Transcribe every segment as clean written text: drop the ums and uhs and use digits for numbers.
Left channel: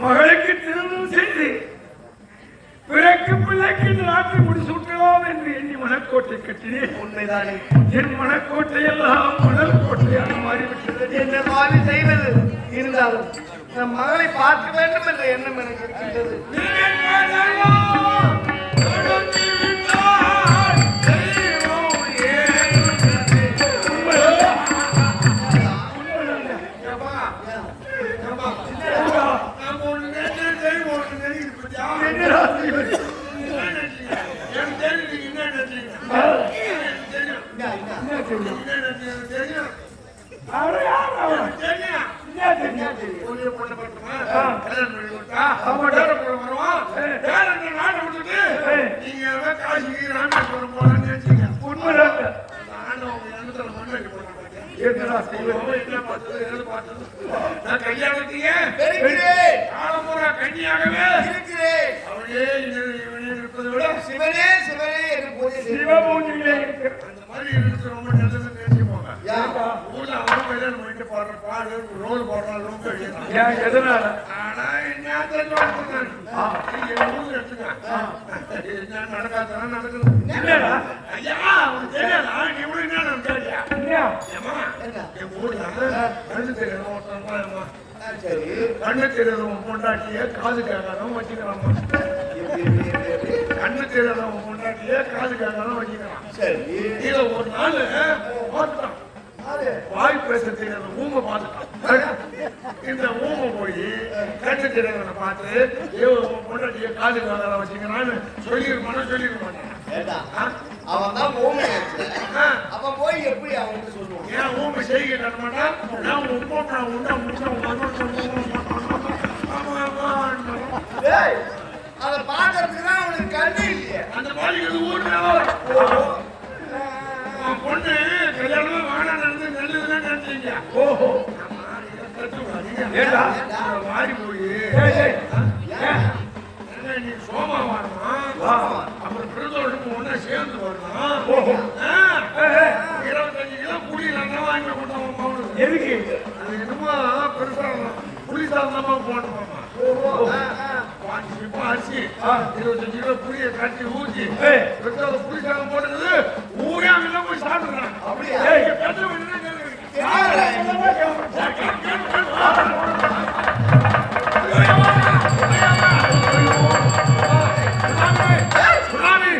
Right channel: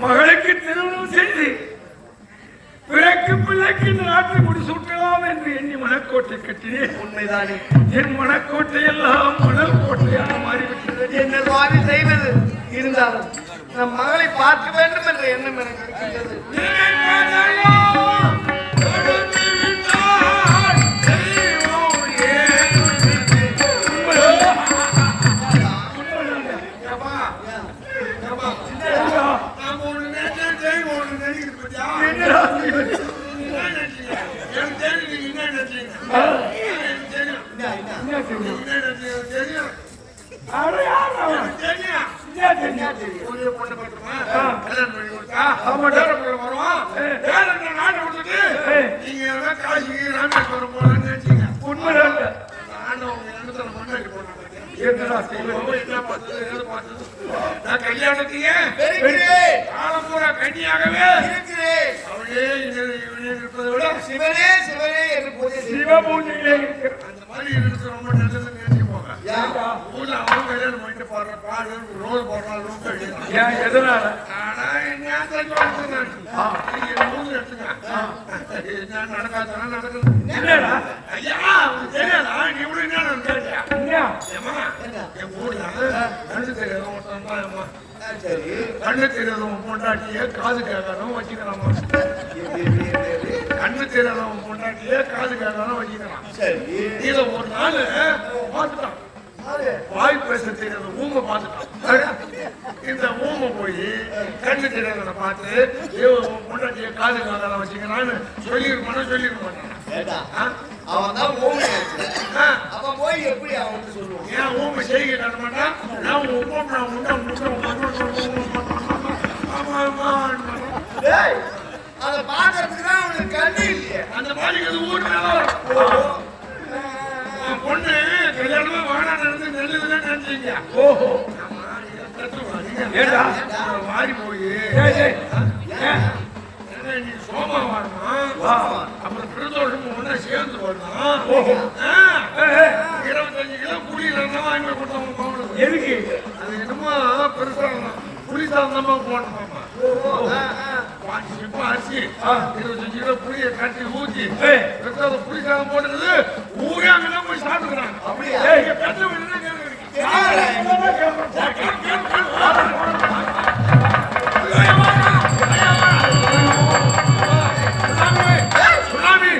மகளுக்கு திருமணம் செய்து பிறகு பிள்ளைக்கு இந்த நாட்டை முடிசூட்டலாம் என்று எண்ணி மனக்கோட்டை கட்டினேன். உண்மைதானே? என் மனக்கோட்டை எல்லாம் மணல் கோட்டையாக மாறிவிட்டது. என்ன சுவாமி செய்வது? இருந்தாலும் நம் மகளை பார்க்க வேண்டும் என்ற எண்ணம் எனக்கு இருக்கின்றது. கல்யாணத்தையே கன்னியாகவே இருக்கிறேன். அவளே இருப்பதை விட சிவனே சிவனே என்று பூஜை அந்த மாதிரி இருக்கிறது ரொம்ப நல்லது. நினைச்சுக்கோங்க. ஊர்ல அவங்க கல்யாணம் பண்ணிட்டு பாடுற பாடு ரோல் போடுறாலும் எதனால நடக்காதான் நடக்குது. ஐயா சரி கண்ணு தெரியாதவன் பொண்டாட்டியே காது கேட்காதவன் வச்சுக்கிறான். கண்ணு தெரியாதவன் பொண்டாட்டியே காது கேட்காதவன் வச்சுக்கிறான். சரி இத ஒரு நாள் பார்த்துட்டான். வாய் பேச தெரியாத ஊமை பார்த்துட்டான். இந்த ஊமை போய் கண்ணு தெரியாதவனை பார்த்து பொண்டாட்டியே காது கேட்காதவன் வச்சுக்கிறான்னு சொல்லிருக்க அவன் தான் ஊமையாச்சு. அப்ப போய் எப்படி அவன் சொல்லுவான்? ஏன் ஊமை செய்ய அதை பாக்குறதுக்கு தான் அவனுக்கு கண்ணு இல்லையே. அந்த மாதிரி பொண்ணு கல்யாணமே வேணாம் நடந்து நல்லதுன்னு நினைச்சீங்க. ஓஹோ மாறி போய் சோமா வாடணும். அப்புறம் பிரதோஷத்துக்கு முன்னா சேர்ந்து வரணும். 25 கிலோ குடியிலன்னா வாங்கி கொடுத்தாங்க. எதுக்கு? அது என்னமோ பெருசா புளிசாதமா போடணுமா? அரிசி 25 கிலோ புளியை கட்டி ஊற்றி புளிசாதம் போடுறது ஊரே போய் சாப்பிடுறாங்க. அப்படியா? சுவாமி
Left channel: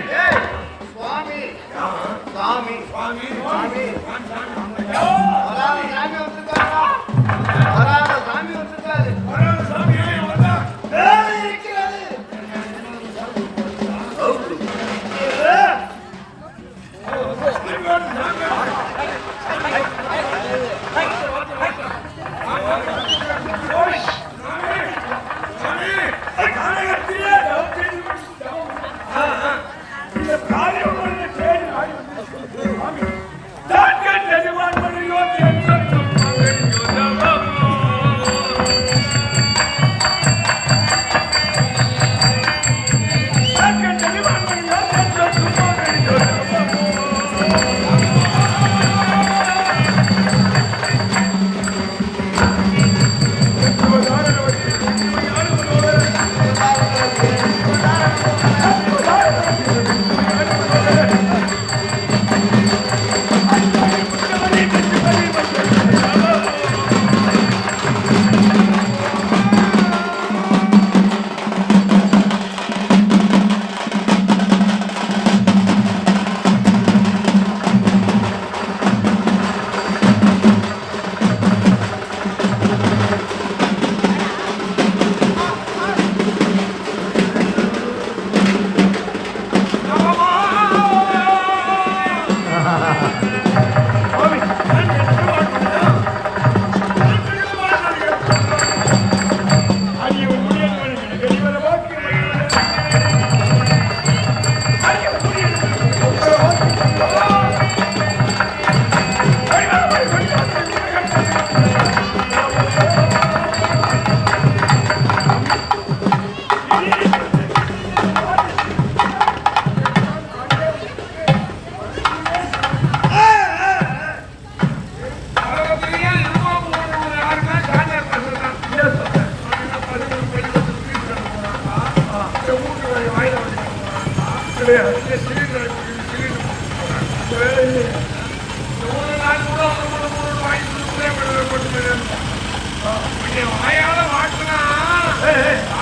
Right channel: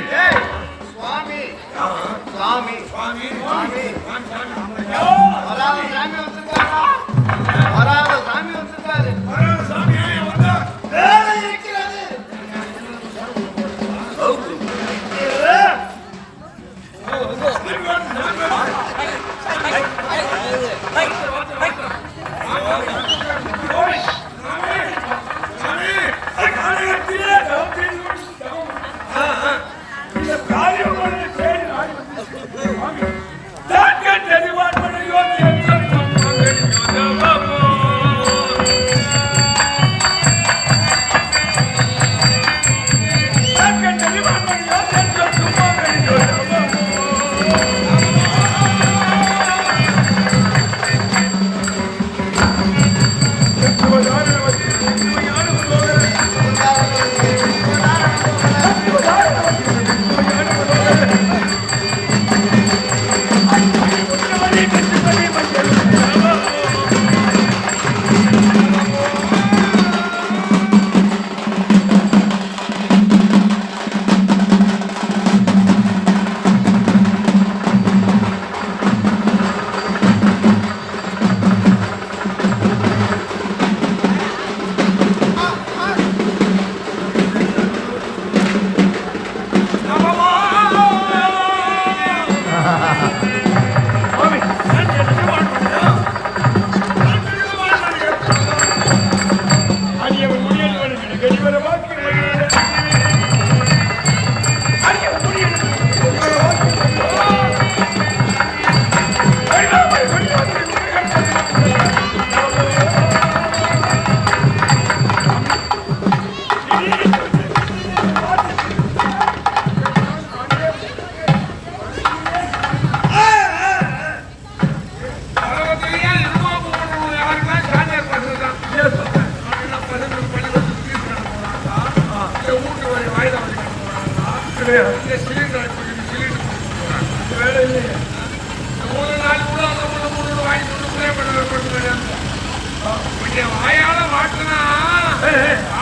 என் வாயால மாட்டுனா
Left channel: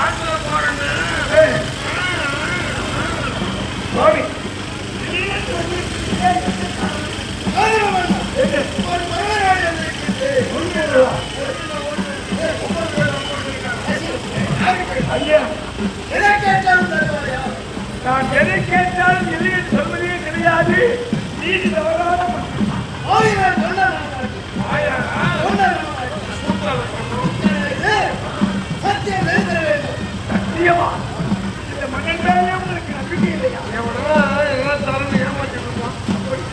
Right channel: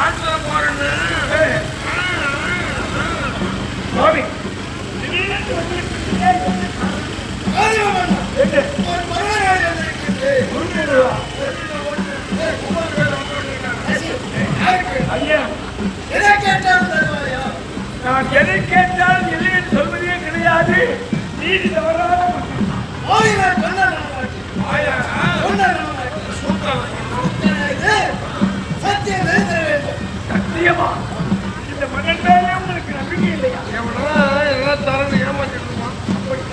ஆட்டுல போறேன்னு ஒரு மரண எதை கேட்டாலும் தருவாயா? நான் எதை கேட்டால் இல்லை சொல்வதே கிடையாது. நீதி தவறான ஆயிரம் சொன்ன சத்தியம் தர வேண்டும். சத்தியமா இந்த மகன் மேலே உங்களுக்கு நம்பிக்கை இல்லையா? எல்லாம் தரணும் ஏமாற்றிக்கணும்.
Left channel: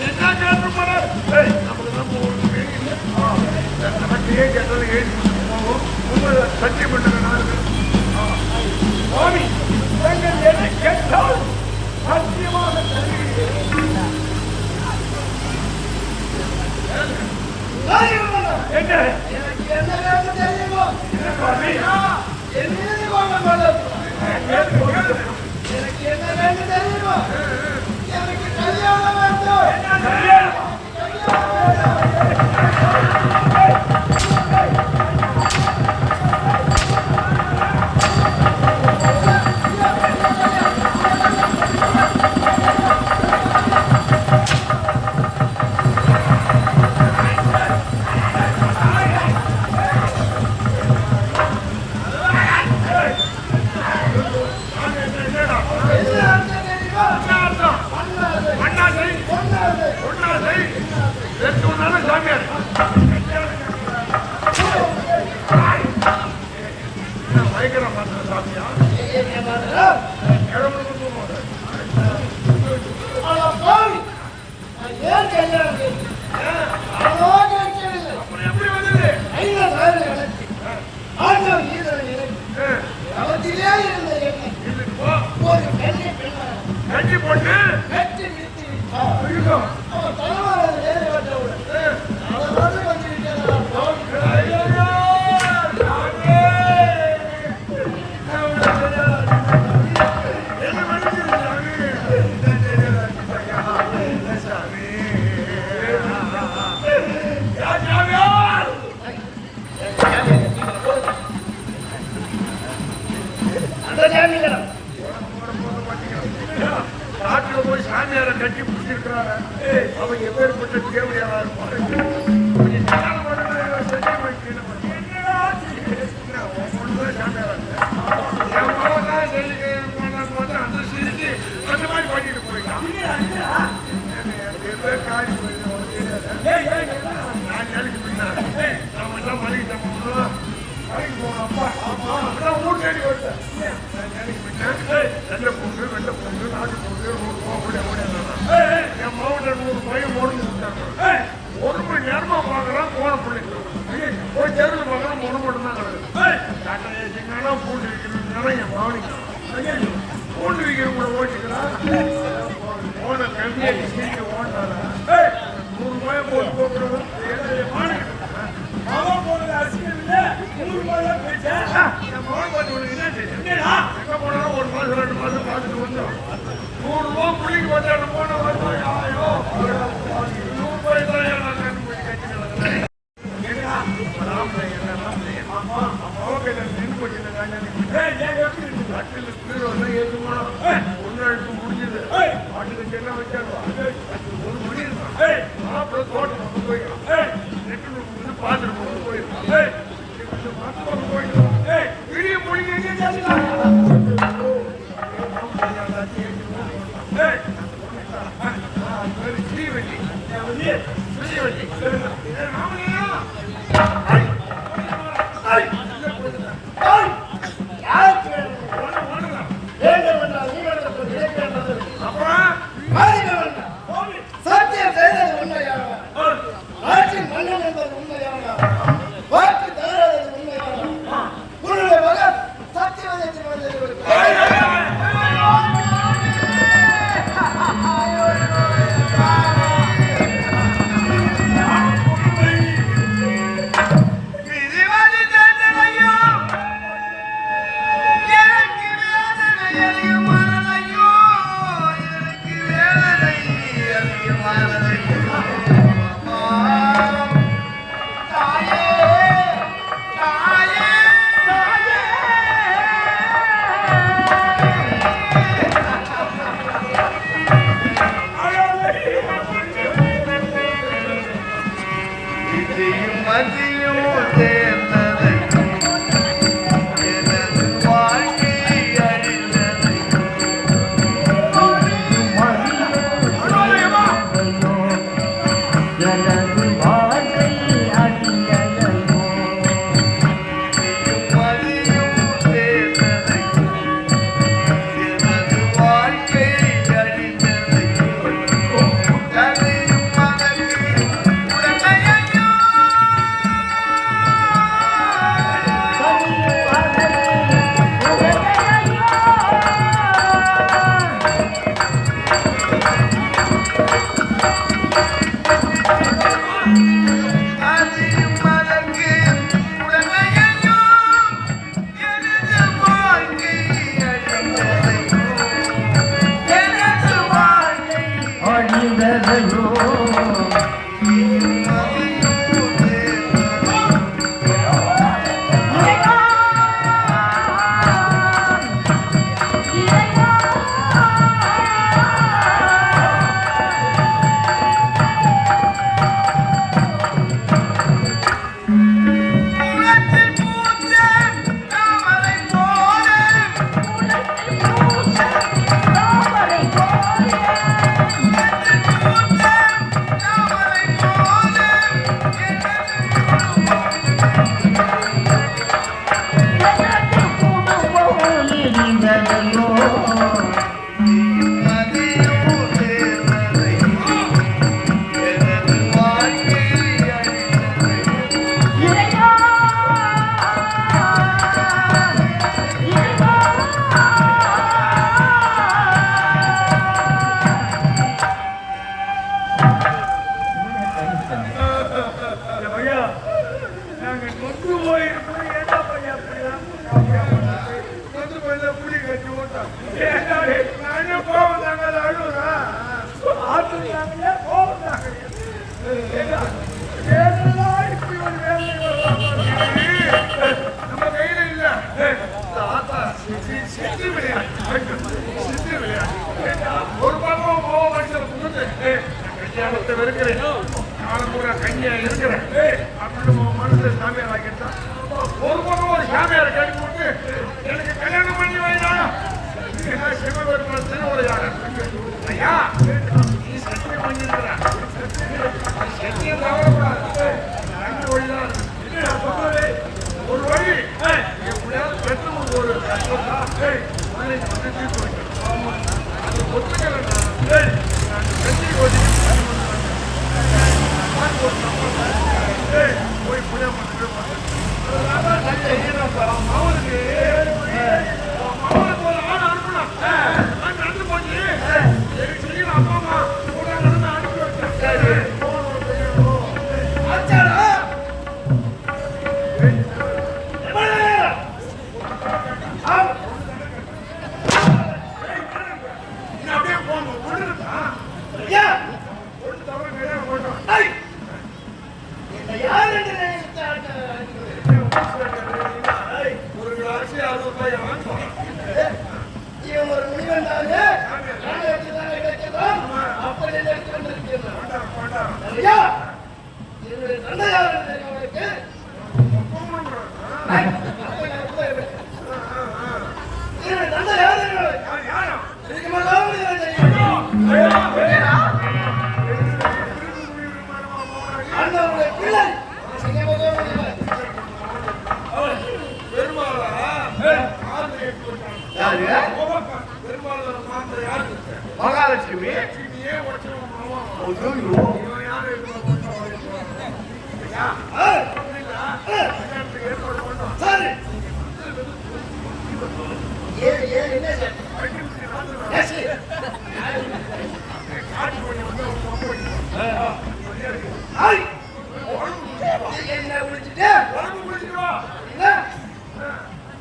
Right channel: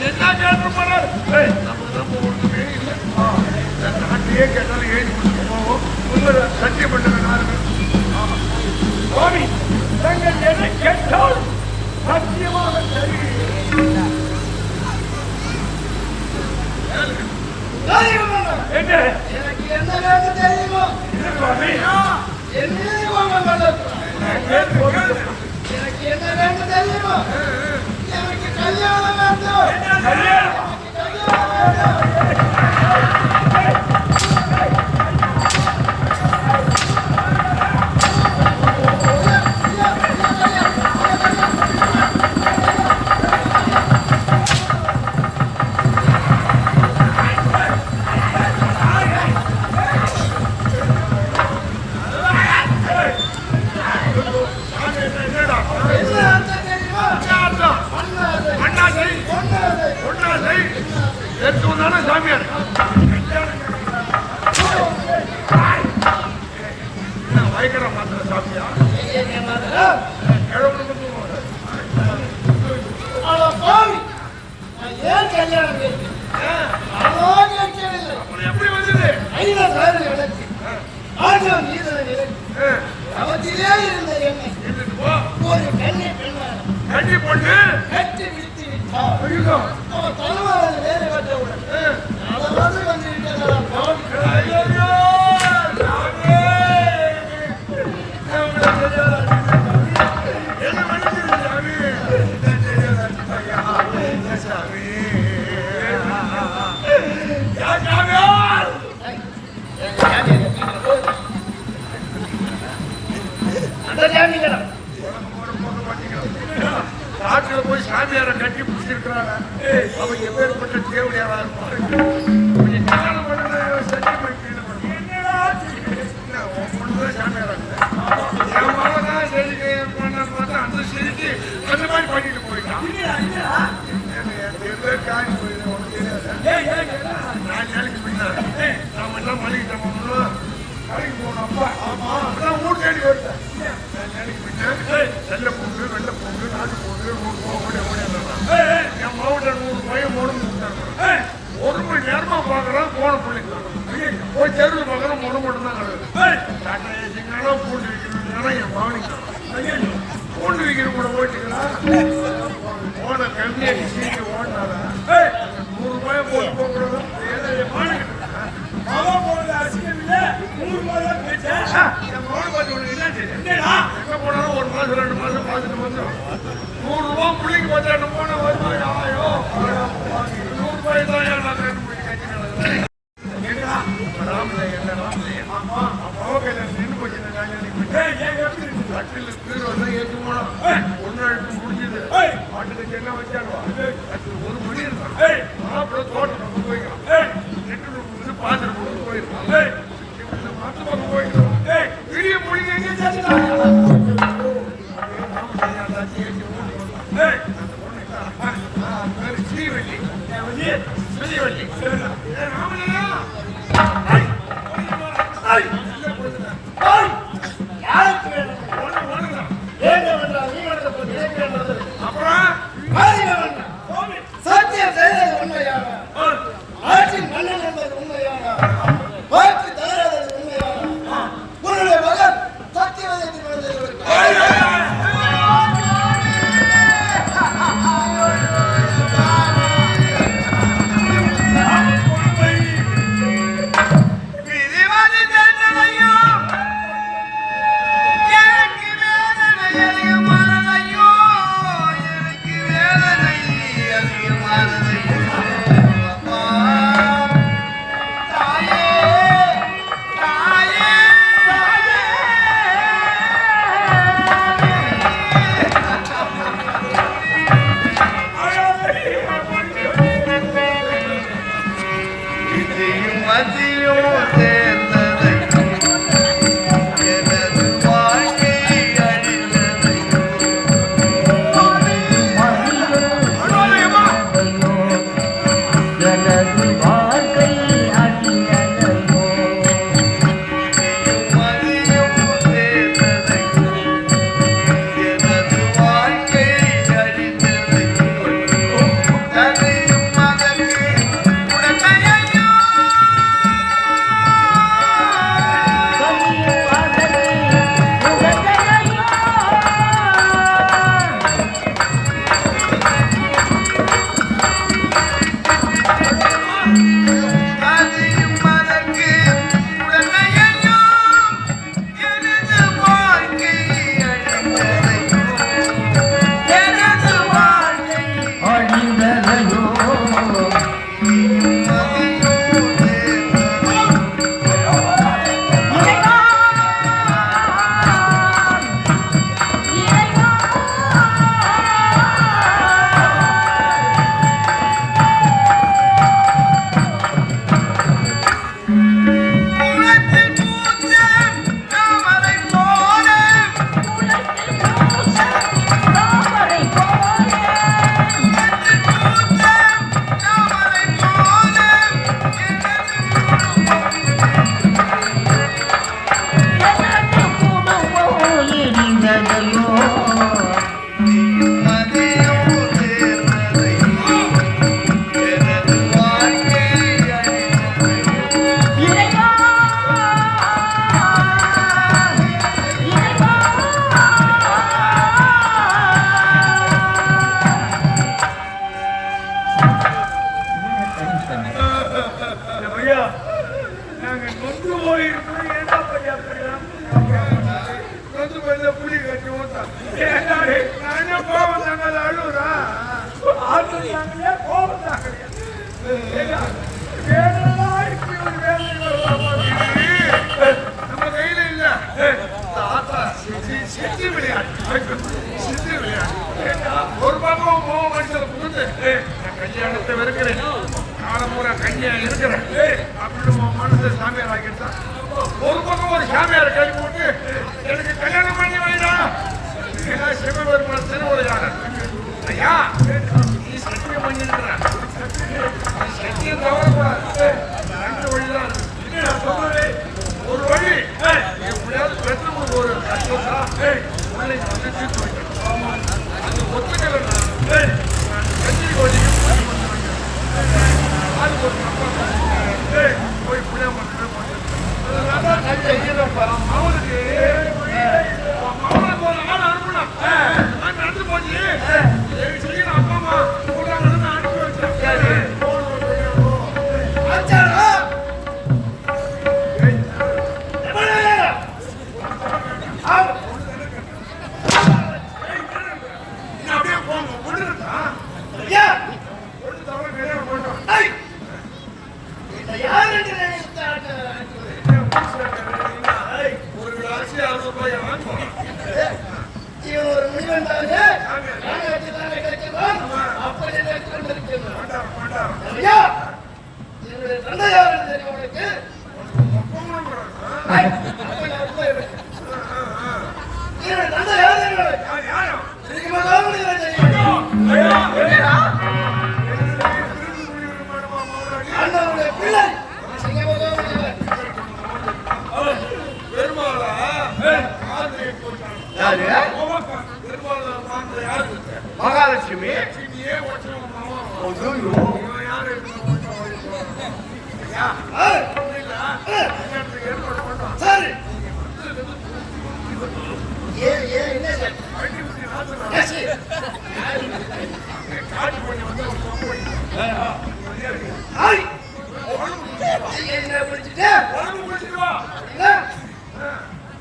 என்ன கேட்டு நாட்டையே கேட்டாலும் ஏறி சத்தியம் பண்ண வேணாம். சுவாமி நீங்கள் எதை கேட்டால் சத்தியமாக தருகிறேன். என்ன எனக்கு என்ன வேண்டும் தெரியுமா? என்ன கோபம் வந்தது? எனக்கு என்ன வேண்டும் தெரியுமா? எனக்கு கல்யாணம் வேண்டும். அவன் தலைவரை வேறு கட்டவுடன் காட்டுல போய் சாமியார கட்டி பிடிச்சிருக்காங்க. அவங்க எப்பேற்பட்ட தேவையான அந்த செய்தி அந்த மாதிரி பண்ணிட்டு போயிட்டான். நம்ம எல்லாம் மளிகை கடைக்கு போனோம். அப்பா ஆமா அதான் ஊர் தேடி வருது. நல்ல பொண்ணு வெள்ள பொண்ணு நாட்டு பொண்ணு என் மாவட்டம் 100 பையன் ஒரு மணி நேரமா பார்க்கலாம் போன பிள்ளைங்க போய் தெருவில் பார்க்கலாம் மொழி மட்டும் தான் கிடையாது. பூண்டு விற்கிறதுனால என் கவனிக்கிறேன். பூண்டு விற்கிற ஓட்டிக்கலாம் போன கம்மியாக சீட்டு ஓடினாரா 100 ரூபாய் போட்டு போகக்கூடாது. அவன் போனது அரசியல் இல்ல 100 ரூபாய் தான் பேச்சேன். என் மகன் பார்த்து எங்க போனாலும் 1 மாதம் 2 மாதம் பார்த்துட்டு வந்தோம். 100 ரூபாய் பிள்ளைக்கு பார்த்தா என்ன போன 100 ரூபாய் தான் சத்தியம் செய்தது உண்மையான ஆட்சியின் மன்னன் என்பது உண்மையான வாக்கு தவறாதது உண்மையான உன்னுடைய மகன் சத்தியவதை திருமணத்தை கொண்டு போயிருக்கா என்ன பண்ணியா வந்து போயிருந்தா புளி கட்டி ஓட்டான் நானே போவதாங்க அழுகுறா ஆத்துட்டாங்க போவதாங்க இப்படி ஒரு வேலை நம்ம கையில இல்ல சித்து விளையாடு ஒரு பக்கம் கோவம் வயசுல புகுந்து கல்யாணத்தை இருக்கிறேன் கண்ணியா இருக்கிறேன் அப்படின்னு மனசு சாமியார் ஆகிட்டான் ஒரு பக்கம் ஒரு சாமியாரை கட்டி போட்டு எனக்கு கல்யாணம் பண்ணி வைடா சிவபெருமான திருவுரையாட ஐயா நீ சத்தியம் பண்ணிருக்கிற சத்தியம் தவறு ரெண்டு வழிதான் ஒரு வழி பெற்று ஒரு ஒரு கிளாஸ் 60 ரூபாய் வாங்குவோம் ஒரு முனிவன் தானே அப்படி பண்டாரம் என்னுடைய தந்தையார் அவனுக்கு தந்தை யார் அண்ணனுடைய பிள்ளை பெருமாளா பெருமாள் யாரு மகாலட்சுமி லட்சுமியே உடச்சவன் மாமா யாரு ஏற்பாடு பண்ணோம் சரி காட்டு பண்ணி வந்து ஒரு கப்பு என்ன குடிச்சிட்டு உடம்பு குடிச்சிட்டு வா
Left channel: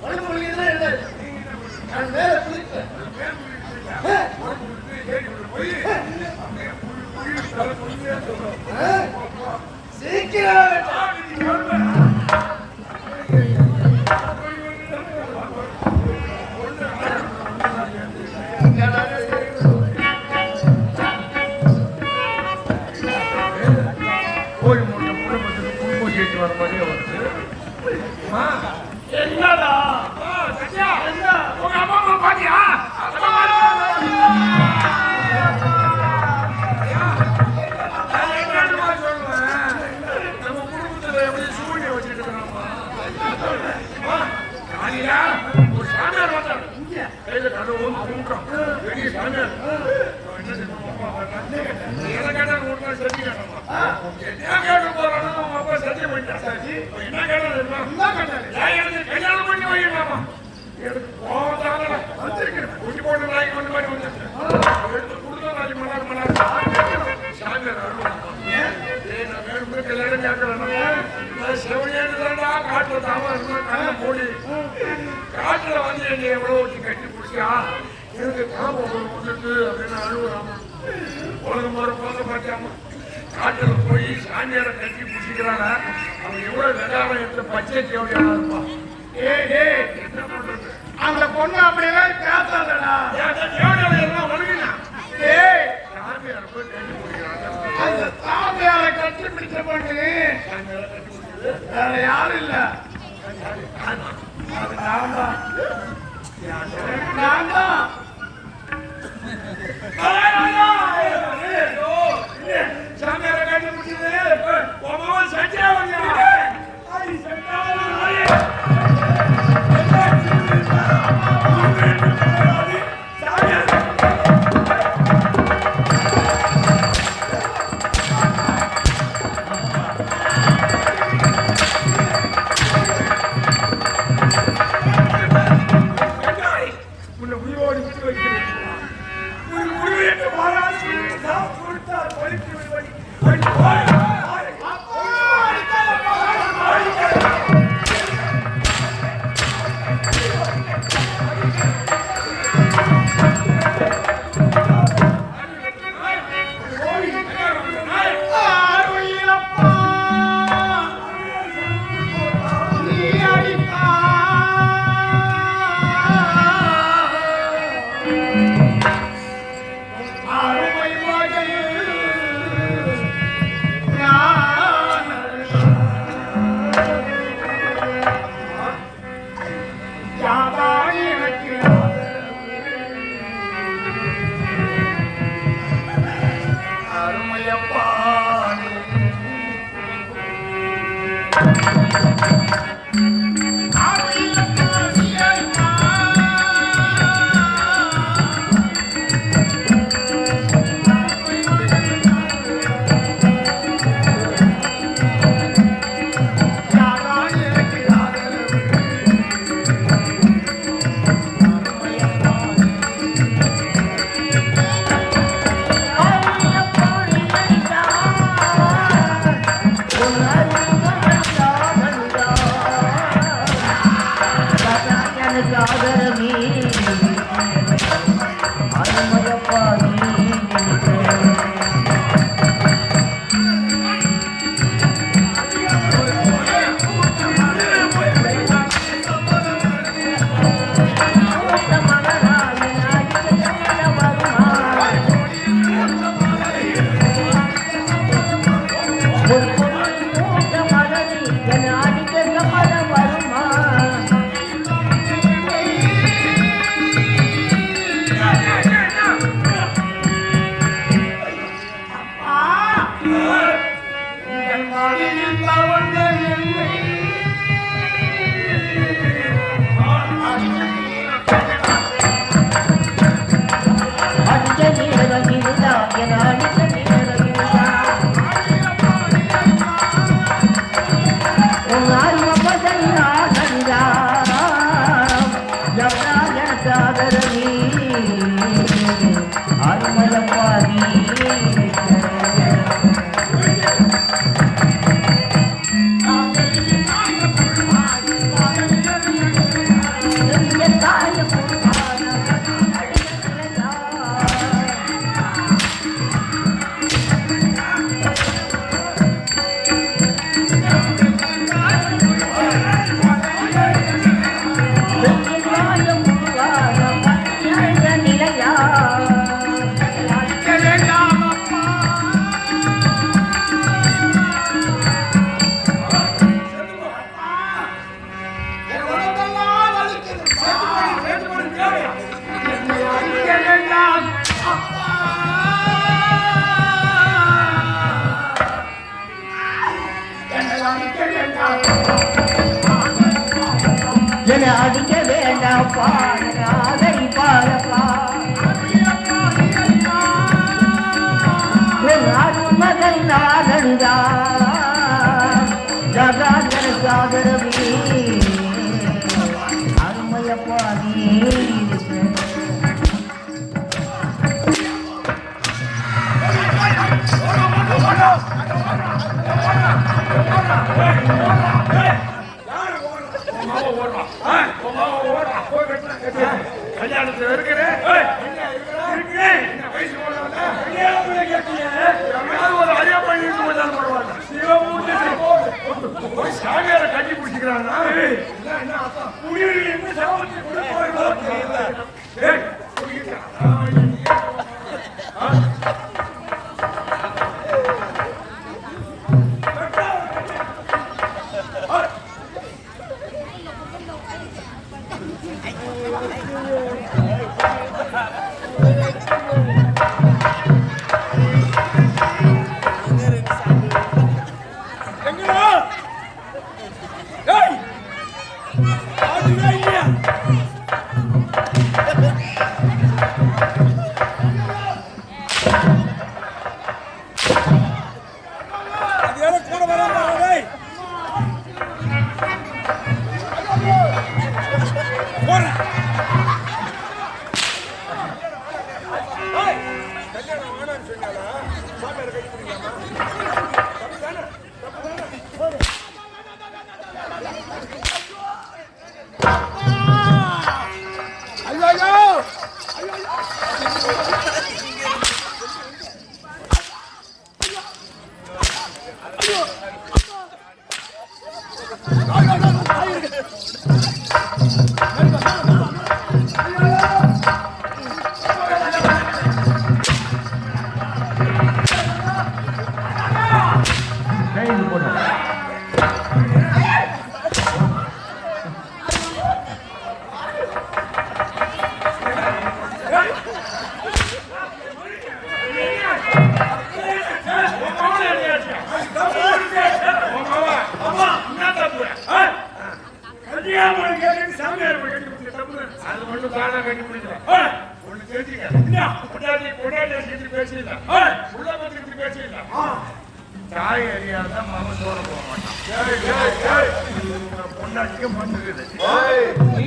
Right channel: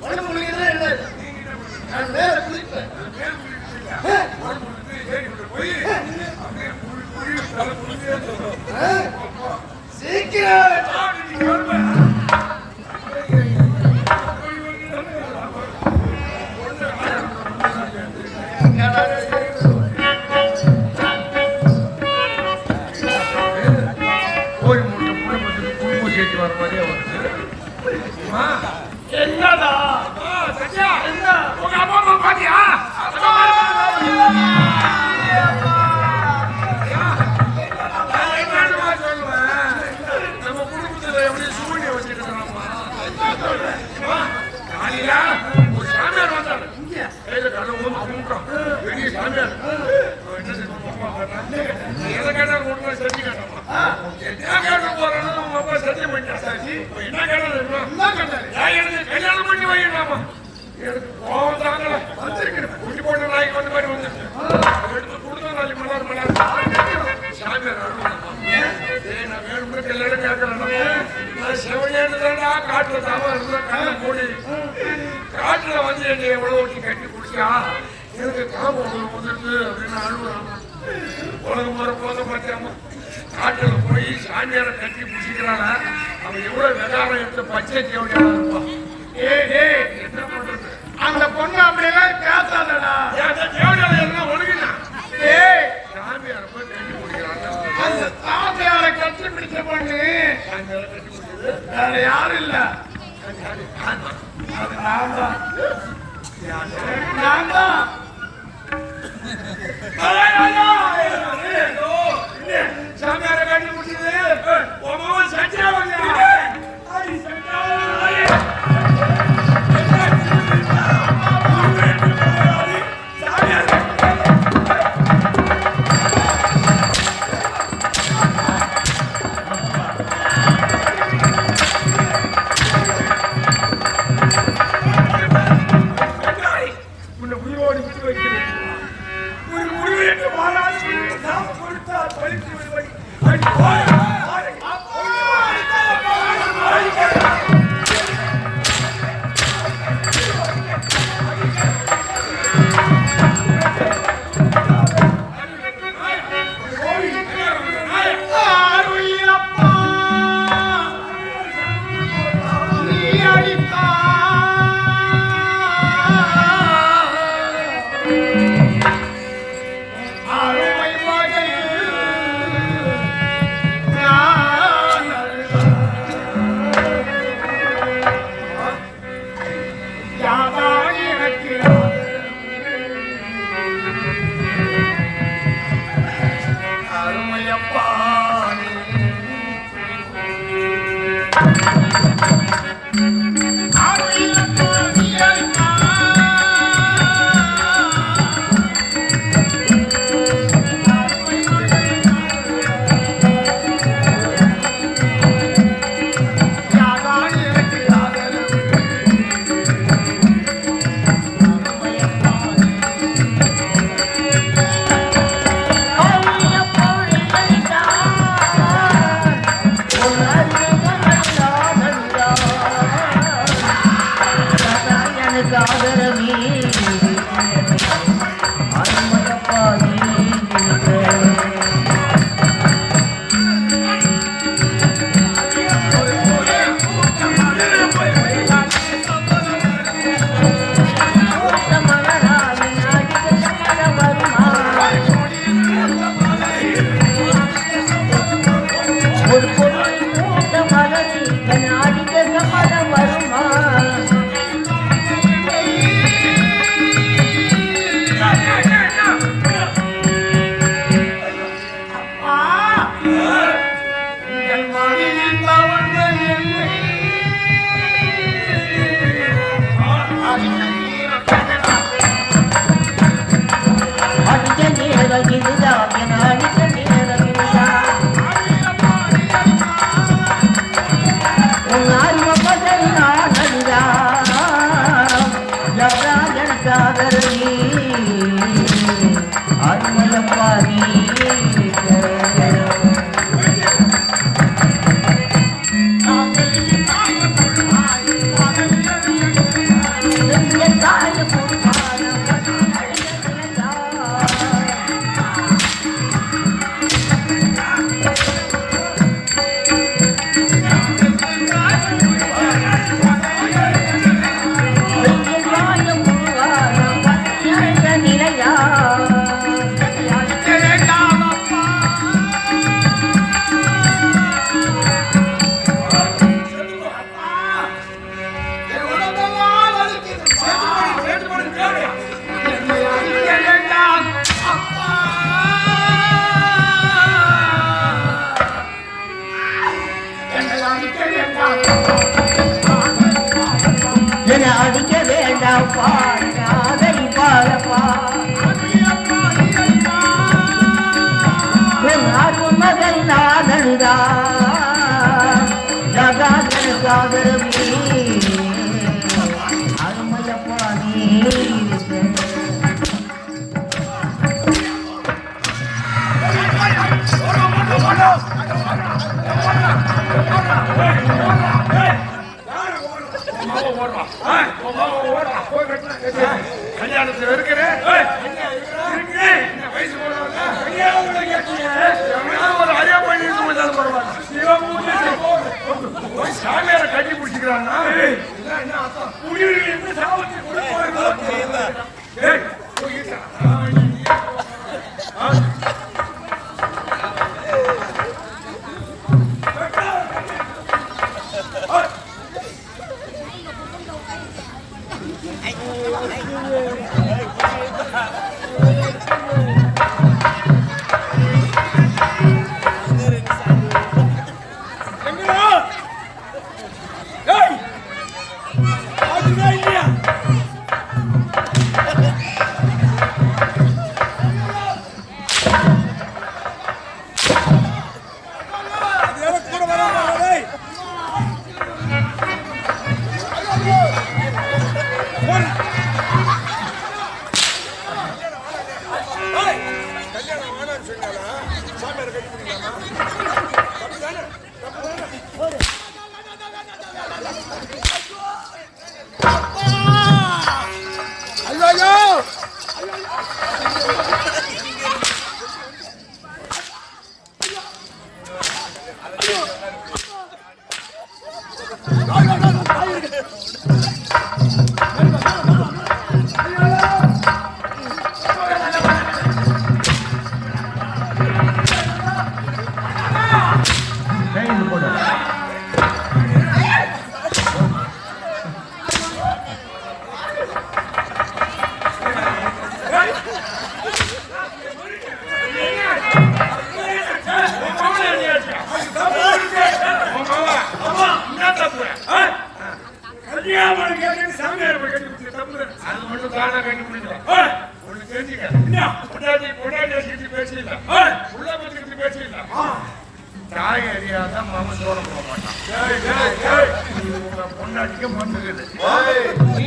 உடம்பு குளிக்கிறது இல்லை நான் மேல குளிப்பேன் மேல் குளிக்கிட்டு உடம்பு குளித்து ஏறி போய் அப்படியே குழி தலை குளியே சீக்கிரம் என்னடா சத்யா உங்க அப்பா அம்மா பாத்தியா நம்ம குடும்பத்துல எப்படி சூரிய வச்சுட்டு இருக்காமா காலையில ஒரு சாமியார் வந்தார் கையில கடை வந்து கும்பிட்டோம் பெரிய சாமியார் என்ன செய்யணும் என்ன கேட்டா உங்களுக்கு சத்தி கேட்டோம் என்ன கேட்க போறோம்னு நம்ம அப்பா சத்தியம் பண்ணிட்டார் என்ன கேட்டாரு கல்யாணம் பண்ணி வைக்கலாமா எனக்கு கோபம் தாங்கல வந்திருக்கேன் குடி போட்டு நாளைக்கு வந்து மாதிரி வந்துருக்கேன் எடுத்து கொடுத்த நாளைக்கு மலர் சாமியார் நான் வேணும் கல்யாணம் கேட்கலாம் நான் செவனேன்னு தான்டா காட்டுல தாமரை மூடி காட்டுல வந்து என்னை எவ்வளவு கட்டி குடிச்சா எனக்கு கோபம் வந்துட்டு அப்படின்னு அனுபவம் உலகம் முறை போத பார்த்தாங்க காட்டுல போய் சாமியாரை கட்டி பிடிச்சிக்கிறாங்க அவன் எவ்வளவு வெதாரம் எடுத்து பச்சை தேவையான இருப்பான் என்ன பண்றது அந்த பொண்ணு அப்படியெல்லாம் பேசாதடா எல்லாம் ஒழுங்கினான் சாமியாரை போய் கட்டி பிடிக்கிறாங்க அந்த சாமியாரை கட்டி பிடிச்ச பொண்ணு வேற யாரும் இல்ல நான் தான் சாமியாரை கட்டி பிடிச்சது உன் சத்தியாவல்யா அடி சத்தியாவல்யா போய் என அடிக்க வேண்டாப்பா காதலி பாரப்பா என் அருமகன் நாதந்தா ஜகாதன சாகரவி அருமையப்பா நீ கல்யாணத்துல இருக்கிறேன் சாமியார கட்டி பிடிச்சிக்கிறான்னா என்ன அர்த்தம் தாய் அறியாத மனசோட பொண்ணாட்டிக்கு வந்துருக்குது நீ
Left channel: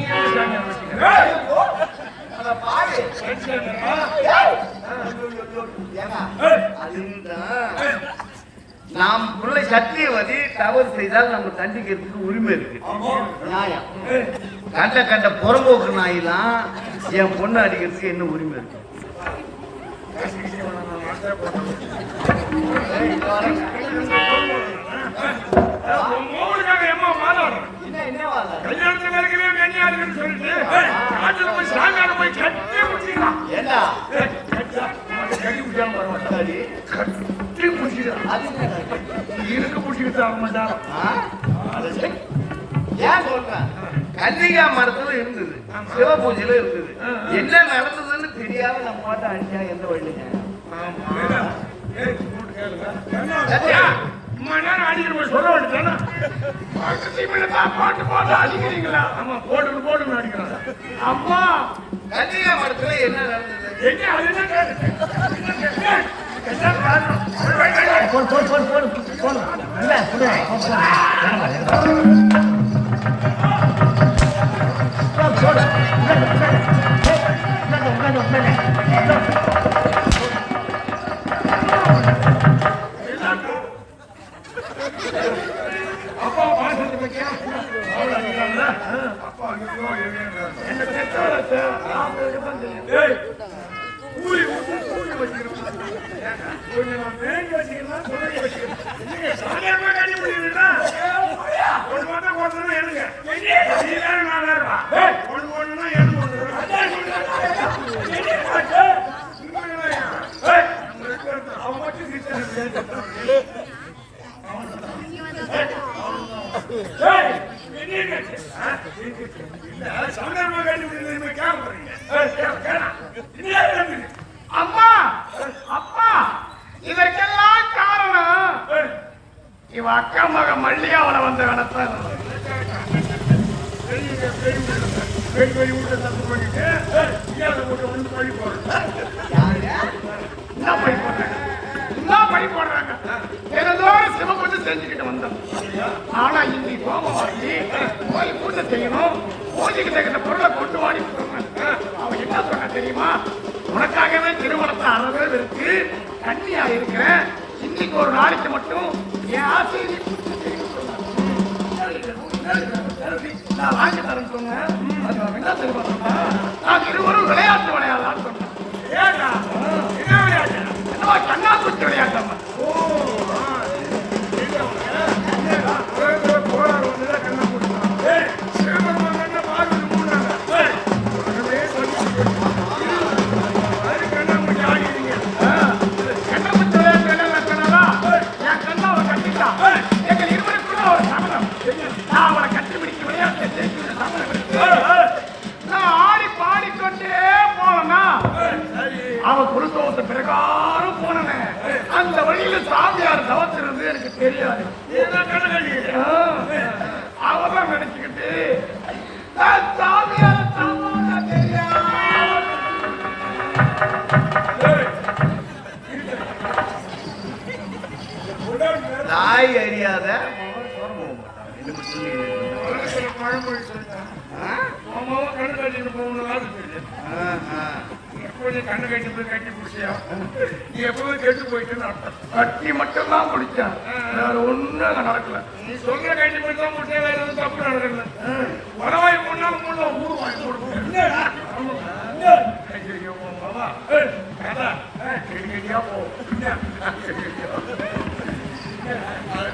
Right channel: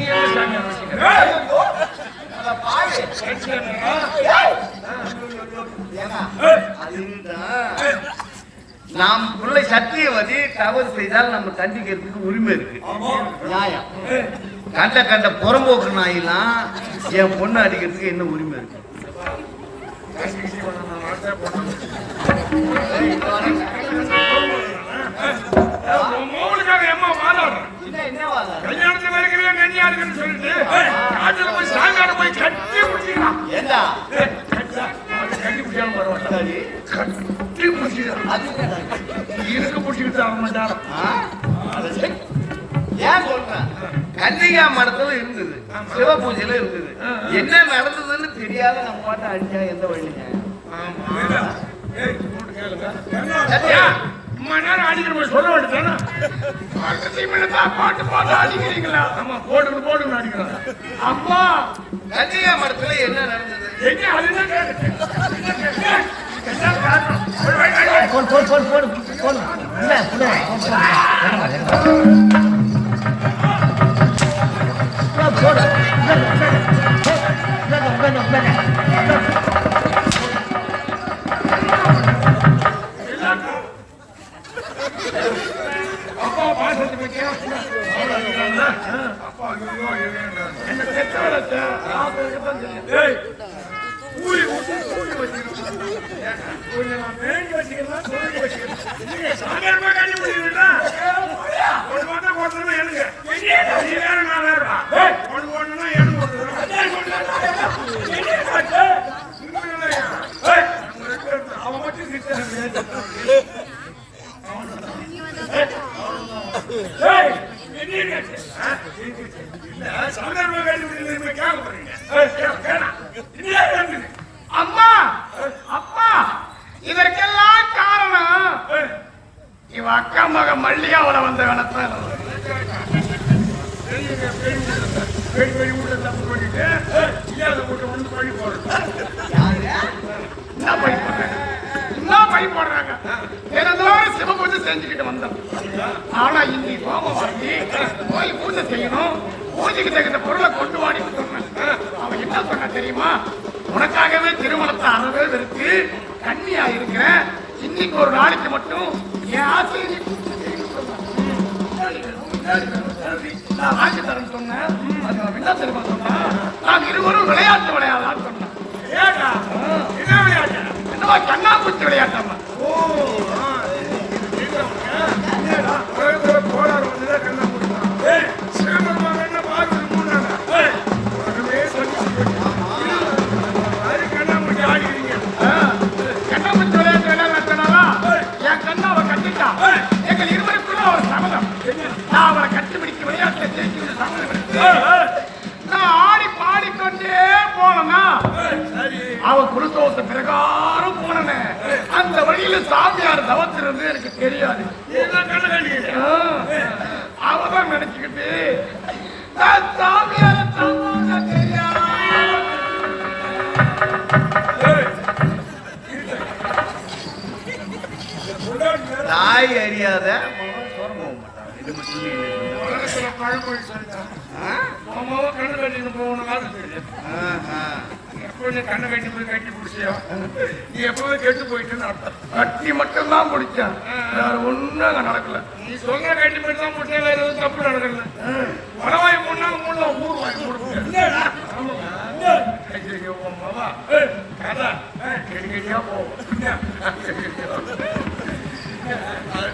நாம் பிள்ளை சத்தியவதி தவறு செய்தால் நம்ம தண்டிக்கிறதுக்கு உரிமை இருக்கு. நியாயம். கண்ட புறம்போக்கு நாயெல்லாம் என் பொண்ணு அடிக்கிறதுக்கு என்ன உரிமை இருக்கு? கன்னிகா மரத்துல இருந்தது, சிவ பூஜையில இருந்தது. என்ன நடந்ததுன்னு தெரியாத நம்ம பாட்டை அடிச்சா எந்த வழிங்க? அம்மா கன்னிகா மரத்துல என்ன நடந்தது? அப்பா பாசத்தை பத்தியா அப்பா அம்மா அப்பா இதற்கெல்லாம் காரணம் இவ அக்கா மக மல்லிகாவோட வந்த கடத்த வெளி விட்டு தப்பு பண்ணிட்டு இல்லாத போட்டு வந்து பழி போடுறேன். என்ன பழி போடுறாங்க? தினந்தோறும் சிவபூஜை செஞ்சுக்கிட்டு வந்தோம். ஆனா இன்னைக்கு கோபம் வாங்கி போய் பூஜை செய்யணும், பூஜைக்கு தகுந்த பொருளை கொண்டு வாடி சொல்றேன். அவன் என்ன சொன்னா தெரியுமா? உனக்காகவே திருமணத்தை அறவே இருக்கு, கண்ணியா இருக்கிறேன், இன்னைக்கு ஒரு நாளைக்கு மட்டும் என் ஆசையை நீ பூர்த்தி செய்யணும்னு சொன்னான். நான் வாங்கி தரேன்னு சொன்னேன். அது என்ன தெரியுமா சொன்னா? நான் இருவரும் விளையாட்டு விளையாடலாம்னு சொன்னேன். ஏடா என்ன விளையாட்டு? என்னவா கண்ணாமூச்சி விளையாட்டாமா? ஓ போராட கண்ணை கொடுத்தான். சிவபெருமான் பாரு கண்ணாமூச்சி ஆகிடுங்க. கண்ணாமூச்சி விளையாட்டு என்ன சொன்னாவா? என் கண்ணாவை கட்டிட்டா எங்கள் இருவருக்குள்ள ஒரு சங்கடம். நான் அவரை கட்டிப்பிடிக்க விளையாட்டை ஜெயிச்சு நான் ஆடி பாடிக்கொண்டே போனேன்னா அவன் குருதோஷ பிரகாரம் போனேன். அந்த வழியில சாமியார் தவத்திலிருந்து எனக்கு தெரியாது. அவதான் நினைச்சுக்கிட்டு நான் சாமியார் தெரியாது. தாய் அறியாத கண்ணை கட்டி போய் கட்டி பிடிச்சியா? நீ எப்பவுமே கெட்டு போயிட்டு கட்டி மட்டும் தான் பிடிச்சேன். ஒன்னும் நடக்கல. நீ சொல்ற கட்டி மட்டும் தான் பிடிச்சா வேற எதுவும் தப்பு நடக்கல. வரவாய் போனா ஊர் வாங்கி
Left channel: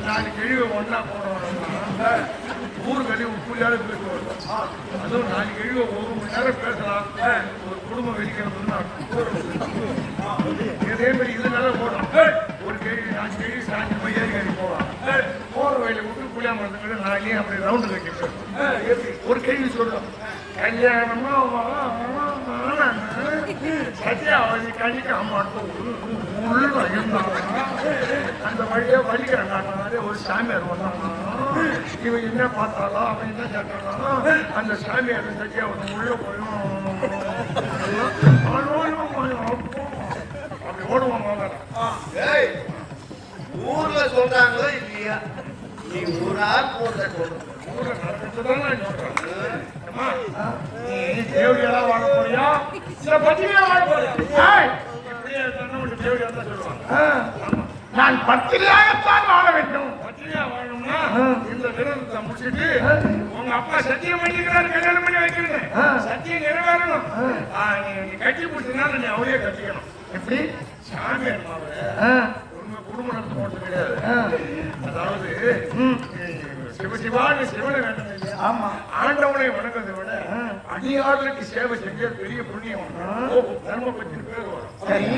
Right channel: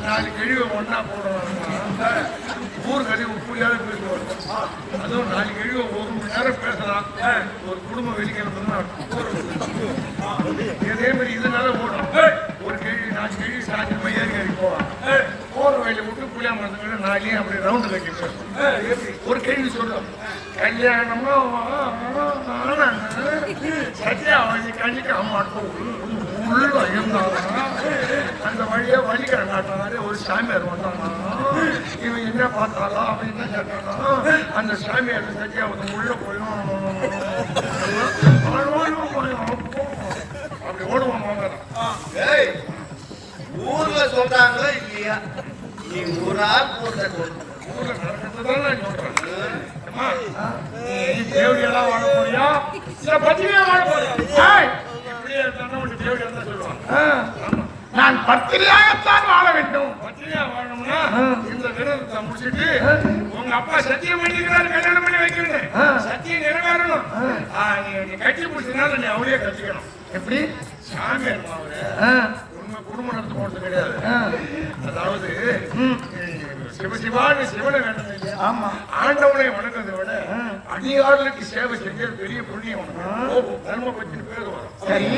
நாலு கழிவு ஒன்னா போடுவாங்க. ஊர் கழிவு இப்படியாவது பேசுவாங்க. அதுவும் நாலு கழிவு ஒரு மணி நேரம் பேசலாம். ஒரு குடும்பம் வெடிக்கிறதுன்னு இதே மாதிரி இதனால போடும். ஒரு கேள்வி 4 கேள்வி சாஞ்சி பையன் கேள்வி போவாங்க. போற வயல விட்டு பிள்ளை மரத்துக்கு நாளையே அப்படி ரவுண்டு கட்டி பேசும். ஒரு கேள்வி சொல்லும், கல்யாணமும் சத்தியாவதி கண்டிக்க மாட்டோம். அந்த வழியா வலிக்கிற நாட்டாரு ஒரு சாமியார் வந்தாங்க. இவன் என்ன பார்த்தாலும் அவன் என்ன கேட்டாலும் அந்த சாமியார் சத்தியாவதி உள்ள போயும் அப்படி ஓடுவாங்க. ஊர்ல சொல்றாங்களோ இல்லையா? நீ ஊரா போட்ட சொல்லு. ஊர்ல நடக்கிறதுதான் சொல்றேன். தேவையெல்லாம் வாழ போறியா இல்ல பத்திரியா வாழ போறியா? இப்படியே இருந்தாலும் தேவையா தான் சொல்லுவாங்க. நான் பத்திரியாகத்தான் வாழ வேண்டும். பத்திரியா வாழணும்னா இந்த கிரகத்தை முடிச்சுட்டு உங்க அப்பா சத்தியம் பண்ணிக்கிறாரு கல்யாணம் பண்ணி வைக்கிறேன். சத்தியம் நிறைவேறணும். நீ கட்டி பிடிச்சதுனால நீ அவளே கட்டிக்கணும். எப்படி? சாமியார் குடும்பம் நடத்தி போறது கிடையாது. அதாவது சிவசிவான்னு சிவனை வேண்டது. ஆண்டவனை வணங்குறதை விட அடியார்களுக்கு சேவை செஞ்ச பெரிய புண்ணியம். தர்மபத்தின் பேர் வரும். சரி,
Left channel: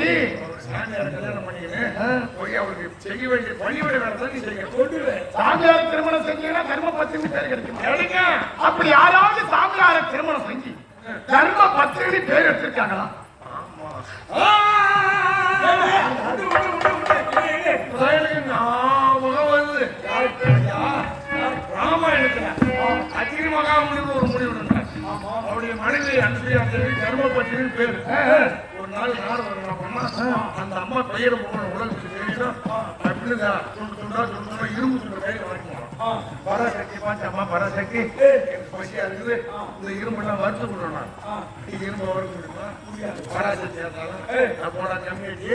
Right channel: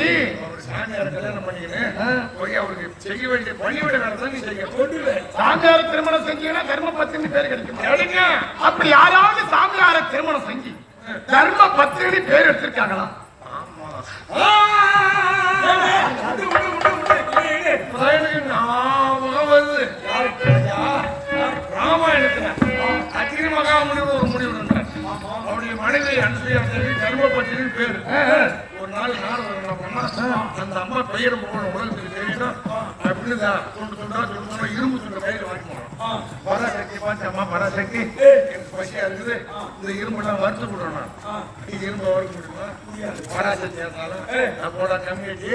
சாமியார் கல்யாணம் பண்ணிக்கிறேன் போய் அவருக்கு செய்ய வேண்டிய பணியோட வேலை நீ செய்ய சொல்லுல. சாமியார் திருமணம் செஞ்சீங்கன்னா தர்மபத்தினி பேர் கிடைக்கும். அப்படி யாராவது சாமியார திருமணம் செஞ்சு தர்மபத்தினி பேர் எடுத்திருக்காங்களா? அவருடைய மனைவி அன்சுயா தர்மபத்தினி பேரு. ஒரு நாள் அந்த அம்மா பெயர் போன உடலுக்கு தெரியும் அப்படின்னு இரும்பு சொல்ற கையில் வாங்கி போனோம். பராசக்தி பார்த்து அம்மா பராசக்தி எனக்கு பசியா இருக்குது, இந்த இரும்புலாம் வறுத்து விடணும். இது இரும்பு வறுக்க முடியுமா? பராசக்தி இருந்தாலும் போடா கம்மியாச்சு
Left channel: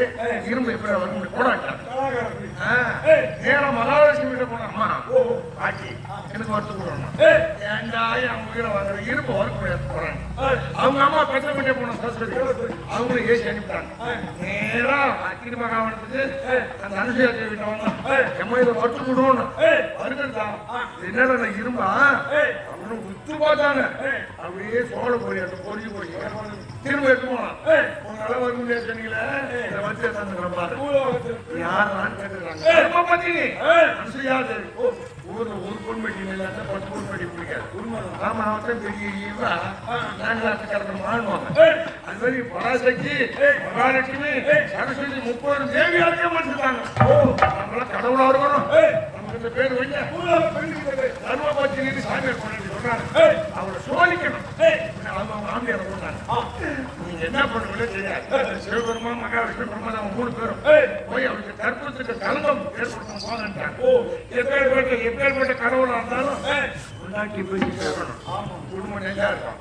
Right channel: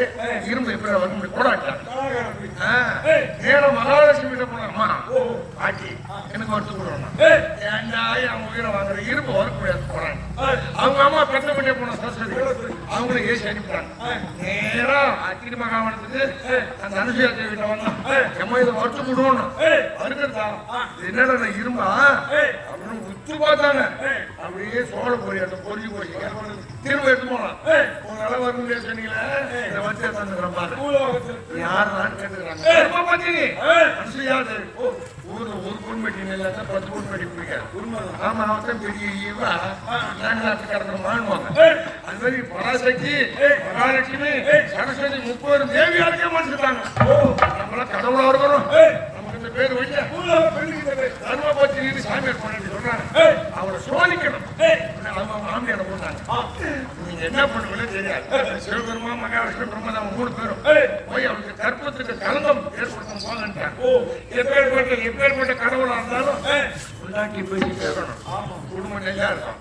இரும்பு எப்படி வர முடியும்? போடாட்டேன் நேரம் மகாலட்சுமி போனோம்மா பாட்டி எனக்கு வறுத்து விடணும். ஏண்டா அவங்க இரும்பு வறுக்க போறாங்க. அவங்க அம்மா பத்த பண்ணி போன சரஸ்வதி அவங்களும் ஏசி அனுப்பிட்டாங்க. நேரா அக்கினி மகாவனத்துக்கு அந்த அனுசூயா தேவிட்ட வந்தோம். நம்ம இதை வறுத்து விடணும். வறுக்கிறதா என்னடா இரும்பா உத்து பார்த்தாங்க. அப்படியே சோழ போய் பொறிஞ்சு போய் திரும்ப எடுத்து போனோம். ஒரு நாள் வருங்க சொன்னீங்களே வச்சு யார் கேட்டுக்கிறாங்க. ஊர் ஒரு பொண்ணு பெட்டி 10 பொண்ணு பெட்டி பிடிக்காது. உண்மைதான். பெரிய ஈவா அது மாதிரி பராசக்தி மகாலட்சுமி சரஸ்வதி 30 தேவி அழைக்க மாட்டிருக்காங்க. கடவுளா இருக்கணும். நமக்கு இந்த பேர் வைங்க. தர்மபத்தினி சாமி பண்ணிட்டு சொன்னாங்க. அவரை என்ன பண்றது தெரியாது. சிவபெருமான் மகாவிஷ்ணு பிரம்மா நம்ம 3 பேரும் போய் அவருக்கு கற்பத்துக்கு கல்மம் ஏற்படுத்தும் போதுன்றாங்க. எப்பேற்பட்ட கடவுளா இருந்தாலும் உள்ளாக்கி போய் கேட்கணும். குடும்பம் நல்லா இருக்கும்.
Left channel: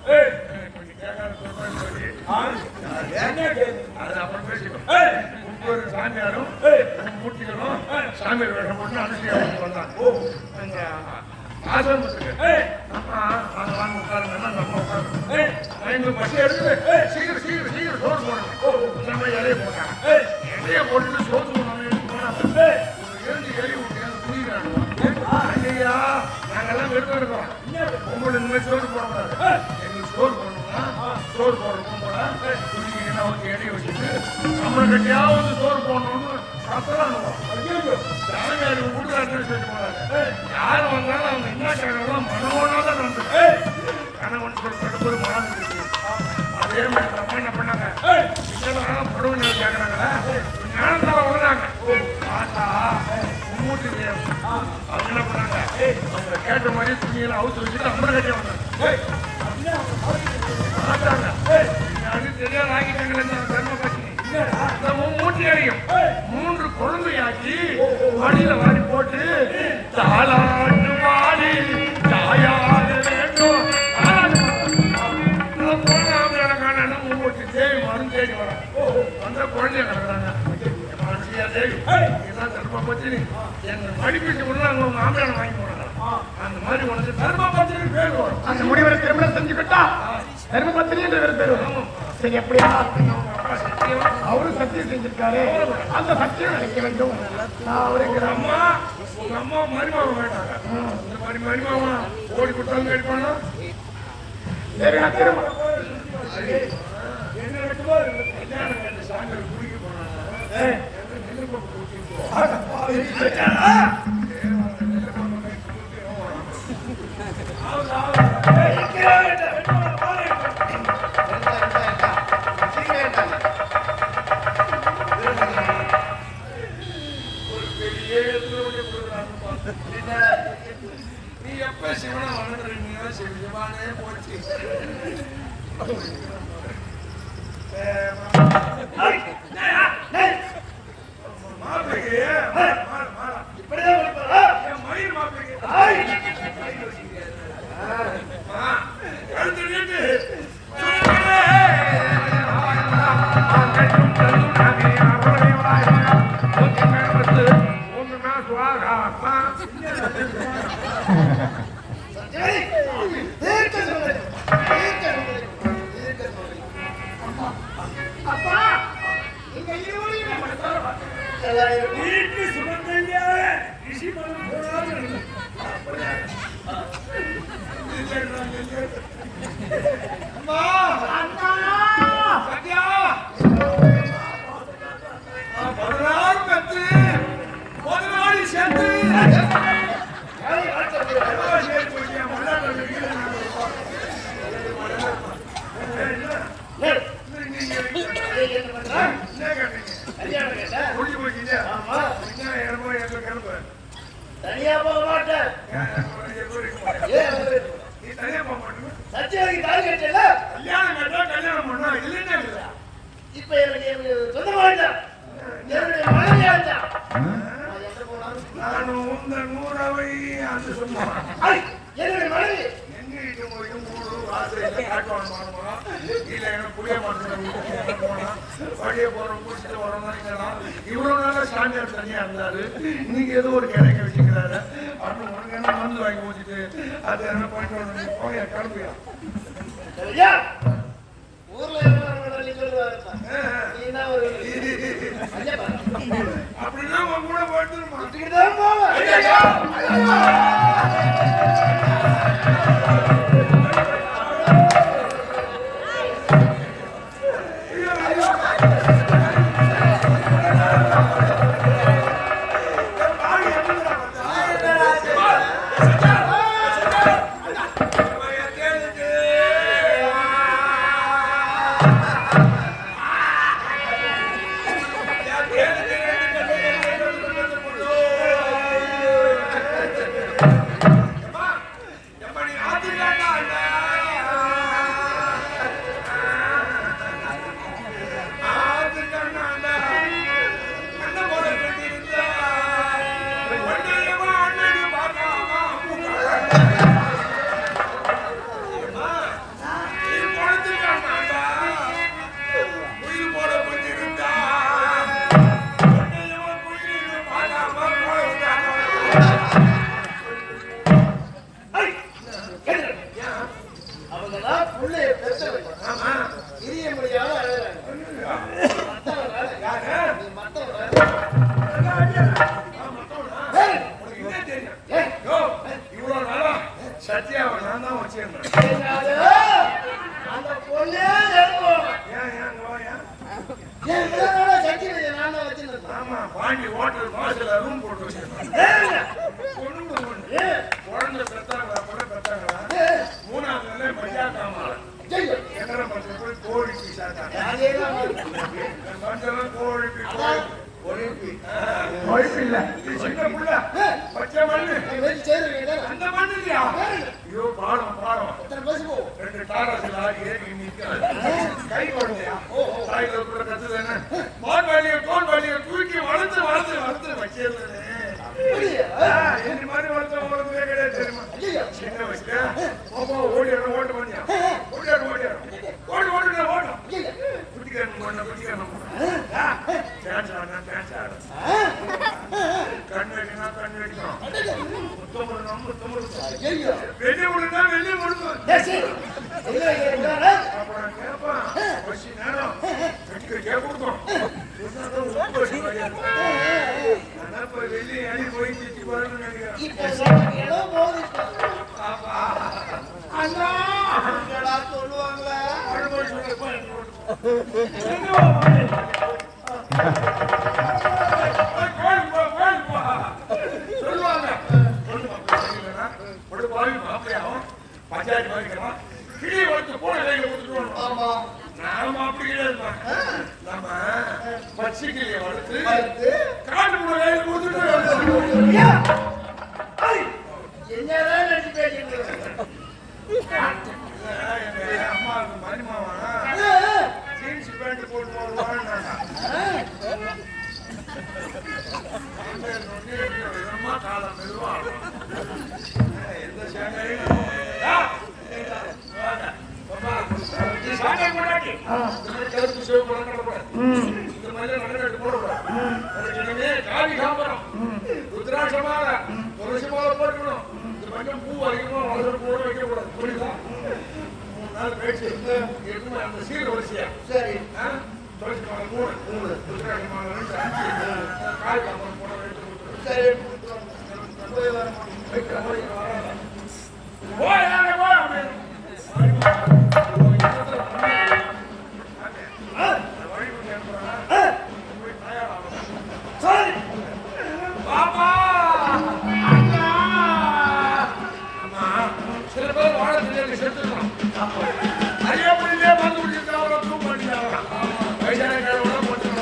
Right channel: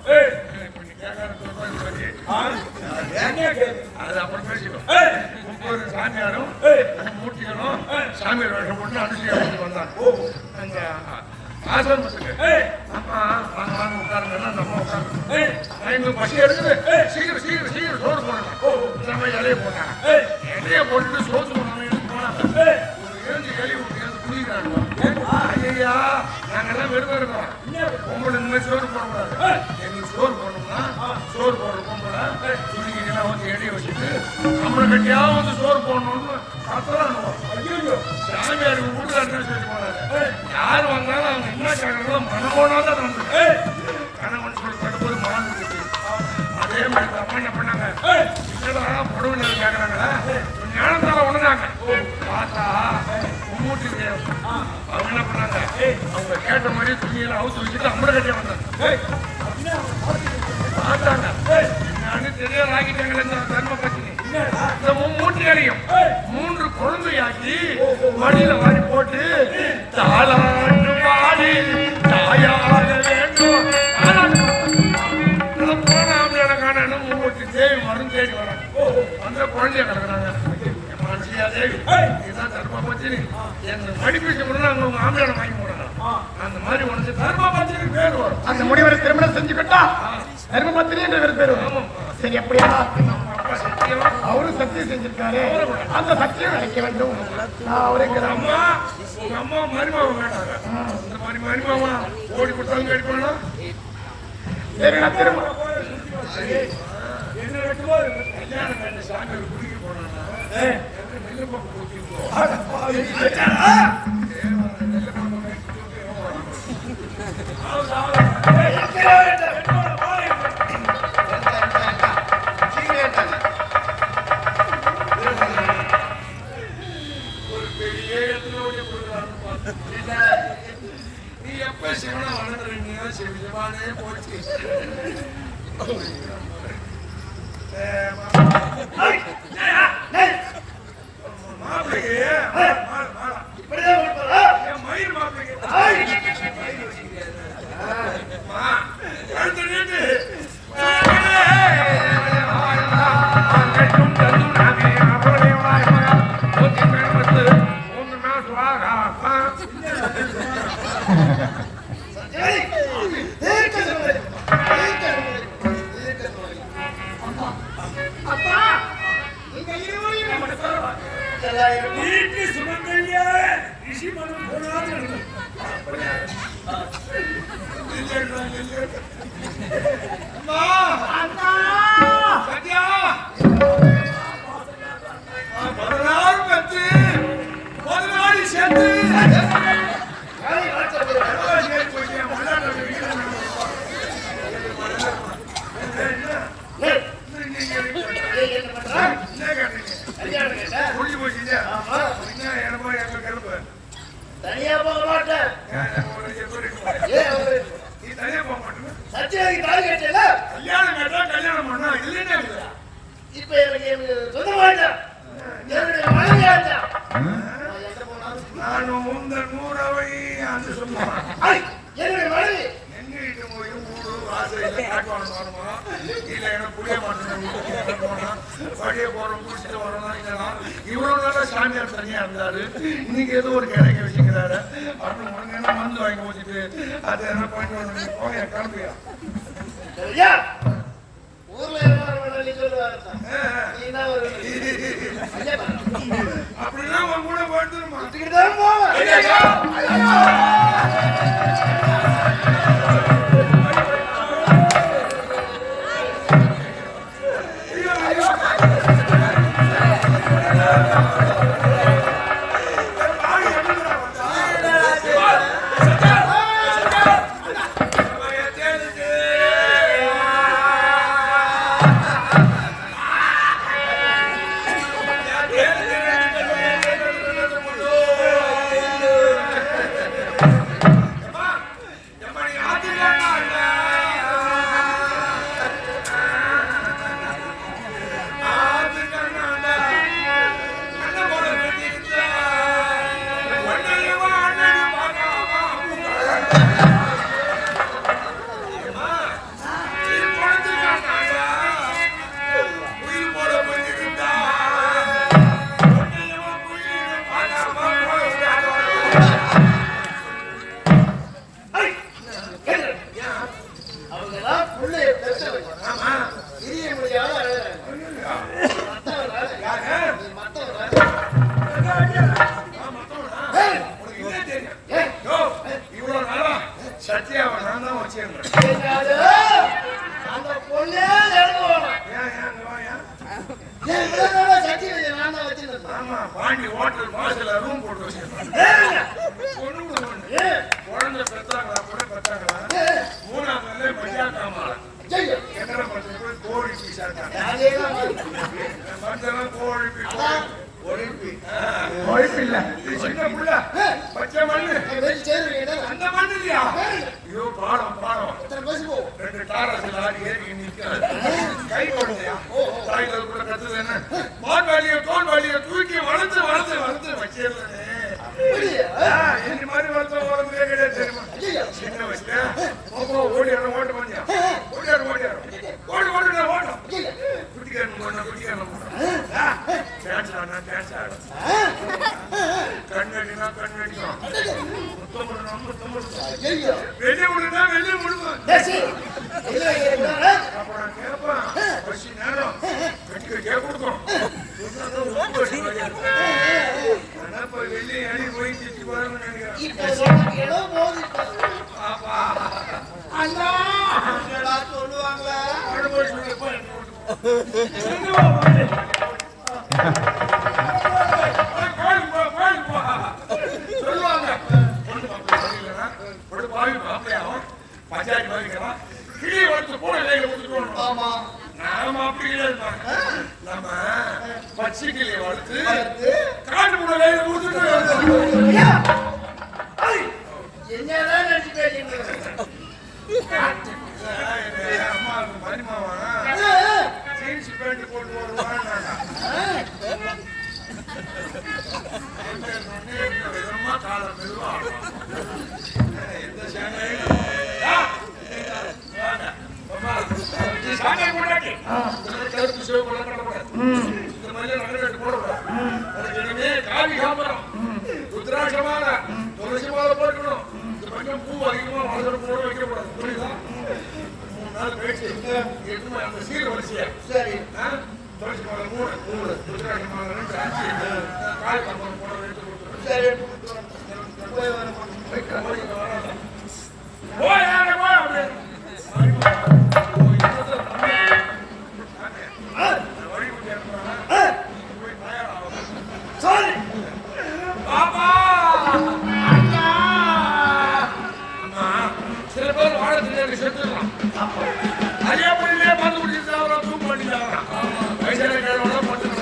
அது அப்புறம் பேசிக்கணும். முப்பது சாமியாரும் மூர்த்திகளும் சாமியார் வேடம் போட்டு அனுப்பி அழைத்து வந்தாங்க. ஆசிரமத்துக்கு பசி எடுத்து சீக்கிரம் சீக்கிரம் சீக்கிரம் சோறு போடுறாங்க. இலைய போடுறாங்க. இலைய போட்டு சோறு போனாங்க. ஏஞ்சி கேள்வி புரியுறாங்க. ஐயா நாங்கெல்லாம் வெறும் இருக்கோம். பொம்பளை இந்த மாதிரி சோறு போடக்கூடாது. எங்களுக்கு சோறு போடணும்னா சோறு போடுற பொம்பளை துணிக்கு அவருக்கு எண்ணெய் வச்சுட்டு நம்மளை கட்டியாவது சோறு போடணும்னு கத்துறாங்க. ஐயோ சாமியார் வீட்டுக்காரன்னு சொல்லி போனாங்க. யார் வந்தாலும் அவங்க என்ன காரணங்களோ மனமோடாத நம்பு கணவன் சொல்லி படுத்தது மனம் இருக்கு. அதே மாதிரி அம்மா என்ன பண்ணாங்க, இதெல்லாம் பொருள் கேட்கறாங்க. ஞானத்தால வந்தாங்க. பார்த்தா மூச்சு அவங்க என்ன பண்ணாங்க, அவங்க கேட்ட மாதிரி துணியெல்லாம் அவுத்து வச்சுட்டு அப்புறம் கட்டி வந்தாங்க. தெரியாத ஆகிட்டாங்களே தர்ம பத்தினி மூச்சு அடியும் 3 குழந்தையாக்கி மடியில வாடி போட்டு தாளாட்டு பாடி தாயாக வேண்டும் தேவி மருந்து தேடி வர அந்த குழந்தைய தேவி இதான் தர்ம பத்தினி என்ன படிப்பிச்சு அவங்க ஆந்திரான வாங்கி போறாங்க. அந்த மாதிரி வந்து தர்ம பத்தினி பேர் வரும். அந்த முடிவை திருமணம் செஞ்சுக்கிட்டா தர்மபத்தினி என்ற பேர் வரும். சரி எப்படியா அவரும் சத்தியம் செஞ்சிருக்காரு. அந்த சத்தியம் அடைக்க வேண்டும். அவருக்கு அம்மா உங்க அம்மா மருமக வேண்டாங்க. இந்த மாதிரி மருமக ஓடி கொடுத்தாலும் கேட்டு பண்ணலாம். என்ன நடக்குமோ கல்யாணம் கட்டி சாமி குடிக்க போனாங்க. நெல்லு பம்பு ஒரு பெரிய இடத்துல ஓடி கொடுக்குறாங்க. நீ எப்ப சிவனை வணங்குறீங்க சிவனே போச்சு. மாப்பிள்ளைக்கு மயிர் மாப்பிள்ளைக்கு கழுத்து நீட்டு வீட்டு சுமங்கல்யாக ரிஷி மனம் போனாது. அம்மா சத்யா 16 பத்து 14 சேர்த்து தனியா போக மாட்டேன். சத்தியாவுக்கு கால் கட்டல. கல்யாணம் பண்ணா இல்லைன்னா இப்ப எனக்கு சொந்தமாயிட்டா என்னுடைய மனைவியா இருந்தா நான் உந்த 100வை அந்த சொன்னேன். என்னுடைய மனைவி எங்க வீட்டு போய் ஊரு வாசல்ல காட்டுவாங்க மாறுமா இல்ல எனக்கு புளிய மாட்டேன் வழியே போறோம் குடிச்சிட்டு வரணும். இவ்வளவு நேரம் சாமியார் தனியா இருந்தாரு. இன்னைக்கு ஏதோ ஒரு கிழங்க வச்சுக்கிறாரு. அப்படின்னு உடனே மருந்து வாங்கி போச்சுட்டு அது என்ன பண்ணிட்டு வரணும் கலந்துயா ஊர்ல என்ன நீ சொல்லுவாரு. அப்படின்னா உன் கூட போயிட்டுமா இதுக்கிட்டுதான் போவேன். அவங்கதான் பிள்ளைய பெற்றவங்க. ஆமா. பிரிய முடியாத அழகாங்க. ஐயா. மத்தவனால யாரு? நீ மத்தவனால மத்தவனா? ஏய். உனக்கு என்ன தெரியும்? ஏய். யோ, இவ்வளவு நாளா சத்யாவை நான் தான் வச்சிருந்தேன். என்னது? அந்த பொண்ணே நடந்து போகணும். ஏன் அங்க வா, ஏன்? ஏன் இவ்வளவு நாளா சக்தி வைத்திய நான் தான் வச்சிருந்தேன். ஆமா, பாண்டி ஹோட்டல் வாசல்ல ரூம் போட்டு வச்சிருந்தேன். ஏய். பொண்ணுங்க ஒண்ணு. ஏய். குழந்தை பெத்தாங்களா, பிள்ளை பெத்தாங்களா? ஏய். மூணாவது நாள்ல மஜாக்காமால. ஐயோ. எத்தனை பத்து பேர் கோழி பீஸ் சாப்பிட்டாங்க. அதேதான் என் மனுஷன்லாம் கோழி பீஸ், அதான். ஒழிப்பி கோழி இல்ல. இது சின்ன புள்ள. பச்சை மண்ணு. வெற்றி செய்யறீங்க. அந்த மண்ணு இல்லையா? ஐயோ, பாவம், பாவம். எத்தனை பேசு போவோம். 2 டாலர்ஸ் லாரி ஏறி நிற்காது. கை குழந்தையா? தாய்கள் கூட கத்துதானே? மான் வேலையை, தோல் வேலையை தூக்கி வளர்த்து வளர்த்து வளர்த்து வச்சிருந்தேனே. அப்படியா? இந்த மாதிரி வளர்த்தே கிடையாது தெரியுமா? ஐயோ. சின்ன வயசுல பாப்பா ஓடியாரம் ஓட்டு பண்ணியான். ஓடியாரம் ஓடு ஓடு ஓடும். குட்டிக்காரன் போனா குட்டிக்காரன் டான்ஸ் ஆனா டான்ஸ் ஆடும். கண் வெட்டினா கண் வெட்டிக்கும். முத்தம் விடணும் முத்தம் விடணும். ஐயோ. வெளியே விடுனா வெளியே விடணும். பேசு. ஐயோ, ஐயோ. அப்புறம் கேட்பான், பசி நேரம் கேட்க கொடுக்கணும். சொன்னாதான் உப்பு வச்சு ஆனா இப்ப வெளியே அடி போய் திட்டி வரணும்னு நினைக்கிறேன். இப்ப உனக்கு இடம் போகுது இப்ப. பாப்பா அண்ணா. என்னடா சொல்லுவாங்களா? அனுபவம் சொல்லப்பா எனக்கு கொடுக்கும். சொல்லுவாங்க பொண்ணு மாப்பிள்ளை சரியில்லைன்னா பொண்ணு பாவி மாப்பிள்ளையாகும் பஞ்சாயத்து மாதிரி இருக்கிறான் கிளி வளர்த்து போன கையில கொடுத்துட்டு ஆமா. நாம அப்படி கிடையாதுமா. நம்ம பச்சை கிளியை வளர்த்து வளர்த்து காட்டு போன கையில கொடுத்துட்டு என்னதான் நினைச்சு பேசிட்டு அம்மாவுக்கு மருமாவா ஜீன்ஸ் பேண்ட் போட்டு வருவான்னு விதமா காலம் மெதுவா எந்த சாங்கையும் கருத்து சிவப்பு நடக்கூடாது. இந்த மாதிரி நகராட்டு போடக்கூடாது. உனக்கு இனிமே காவி காம்பரம் ருத்ராட்சமால துளசி மாலை போட்டுக்கணும். இந்த பக்கம் பூ அதிகமா வாசல் கூட வைக்க கூடாது. புரியுதா? 3 நாள் கழிச்சு இருக்குமா அந்த சீர் வரிசையா சரி. துளசி மாலை 3 ருத்ராட்ச மாலை 2 5 காவி காம்பரம் போட எடுத்து கொடுத்துருவோம். சரி, எடுத்து போய் வரமா. வராத போய் யாரை போய் அப்படி சில பேர் வாழ தெரியாது செத்துலாம் அறியாமலே மருந்து குடிச்சிருக்காங்க தூக்கு பண்ணிட்டாங்க வயசான கிழமை பத்து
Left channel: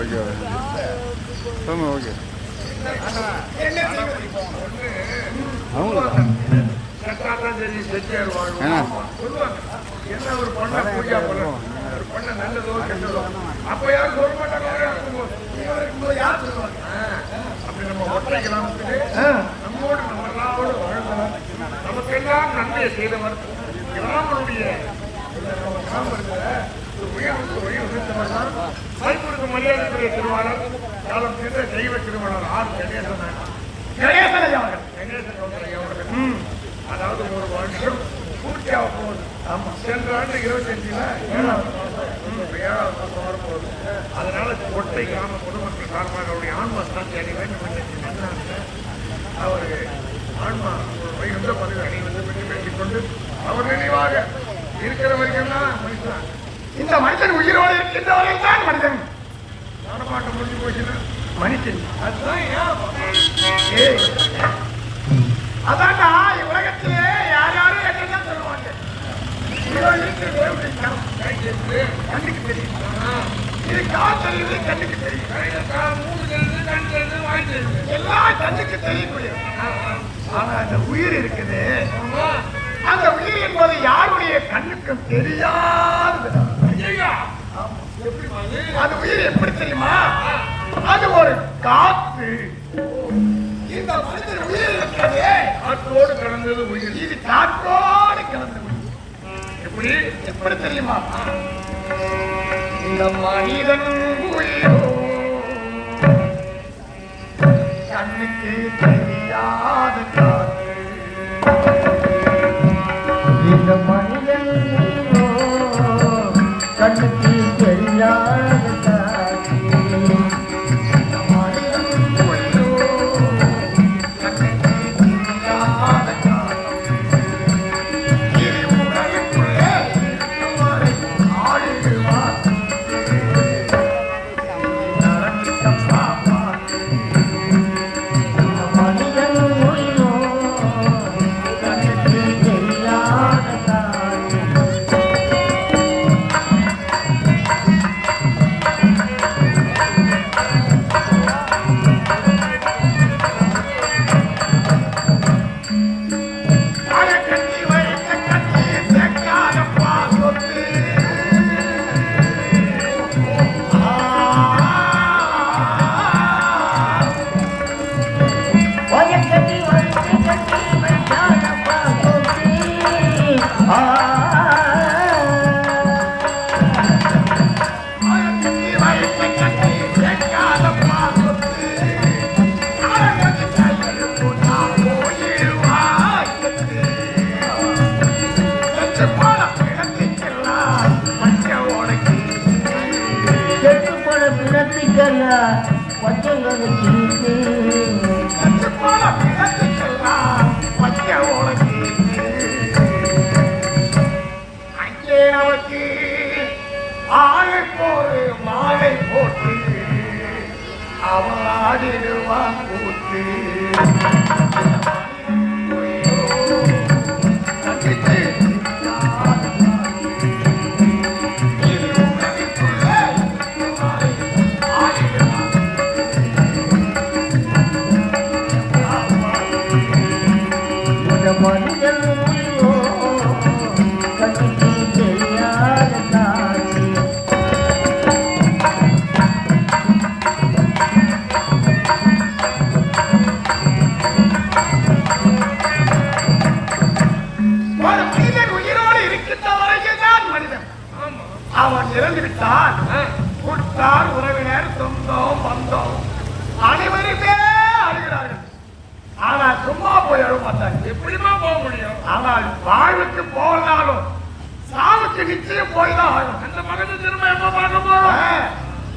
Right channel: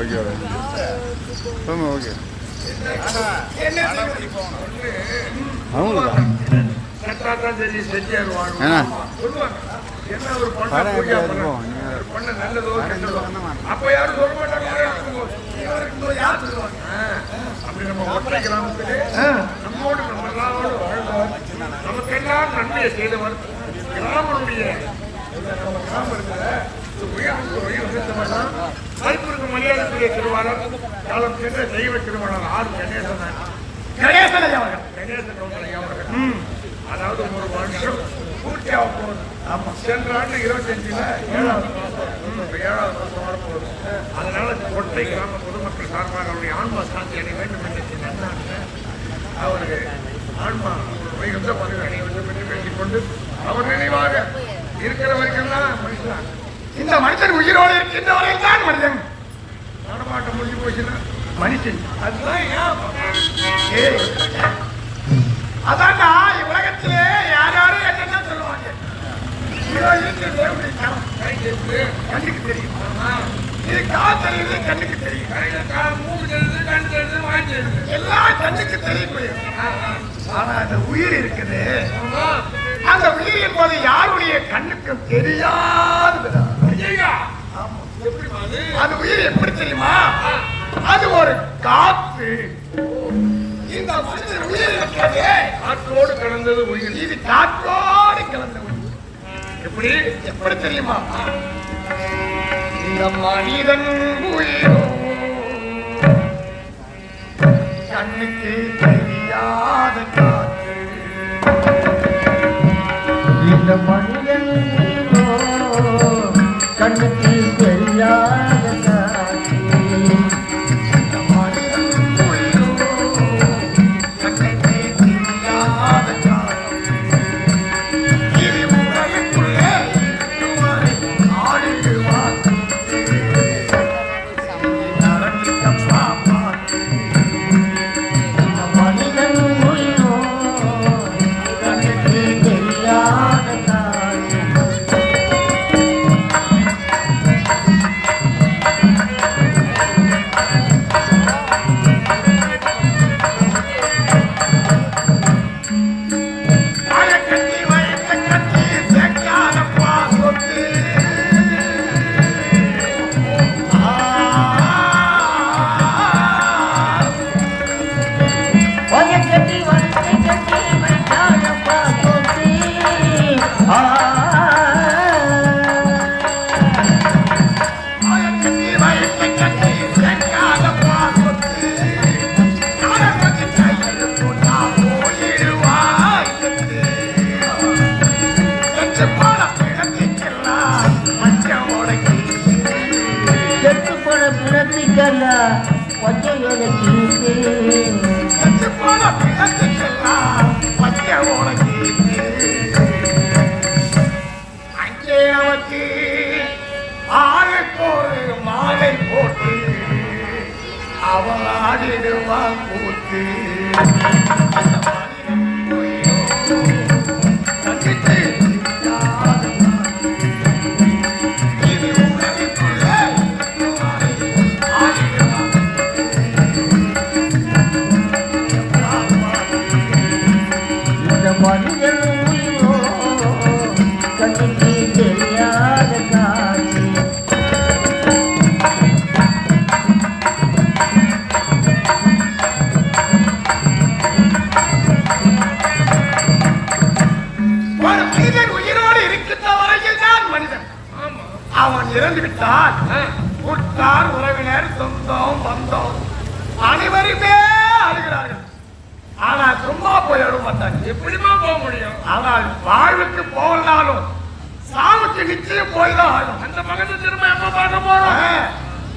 ஓகே ஆமா ஓகே அவங்களா சரி செஞ்சிருவாங்க என்ன ஒரு பண்ண நல்லதோ கெட்டதோ அப்ப யாரும் சொல்ல மாட்டாங்க இருக்கும்போது யார் சொல்லுவாங்க அப்படி நம்ம ஒற்றை கிராமத்திலே நம்மோடு நல்லாவோடு வாழ்ந்தவர் நமக்கெல்லாம் நன்மையை செய்தவர் கிராமனுடைய மருத்துவ மரியாதை திருவாரர் காலம் செய்த தெய்வ திருமணம் ஆறு கணேசன் அதாவது ஒரு வருஷம் பூர்த்தியாக போகுது. சென்ற ஆண்டு 25ல 7வது வாரம் போகுது. அதனால கோட்டை கிராம பொதுமக்கள் சார்பாக அவருடைய ஆன்மா சாட்சி அணி வேண்டும் என்று அவருக்கு ஆன்மா மிகுந்த பதவி பெற்றுக் கொண்டு அவர் நினைவாக இருக்கிற வரைக்கும்தான் மனுஷன். இந்த மனிதன் உயிரோடு இருக்கின்ற வரையில் தான் மனிதன். நடமாட்டம் முடிஞ்சு போச்சுன்னா மனுஷன் அதுதான் ஏய், அதான்டா உலகத்திலே யார் யாரும் என்ன சொல்லுவாங்க. கண்ணுக்கு தெரியும். இது கால் தெரியுது, கண்ணுக்கு தெரியும். மூணு தெரியுது கண்ணுக்கு தெரியக்கூடிய ஆனா அந்த உயிர் இருக்குது அந்த உயிர் என்பது யாருடைய கண்ணுக்கும் தெரியாதது. அது உயிர் எப்படி தெரியுமா? அது ஒரு காத்து. இந்த மனிதன் உயிர் இருக்கிறது காற்றோடு கலந்தது உயிர். இது காற்றோடு கலந்தது. எப்படி எப்படி தெரியுமா? இந்த மனிதன் உயிரோ கண்ணுக்கு தெரியாத காற்று. இந்த மனிதன் கண்ணுக்கு தெரியாத காட்சி. அவன் இறந்து விட்டால் உற்றார் உறவினர் சொந்தம் பந்தம் அனைவருமே அழுகிறார்கள். ஆனால் சும்மா போய் அழுக மாட்டாங்க. எப்படிமா போக முடியும்? ஆனால் வாழ்வுக்கு போகலாலும் சாவுக்கு நிச்சயம் போய்தான் ஆகும். அந்த மகன் திரும்ப என்ன பார்க்கமோ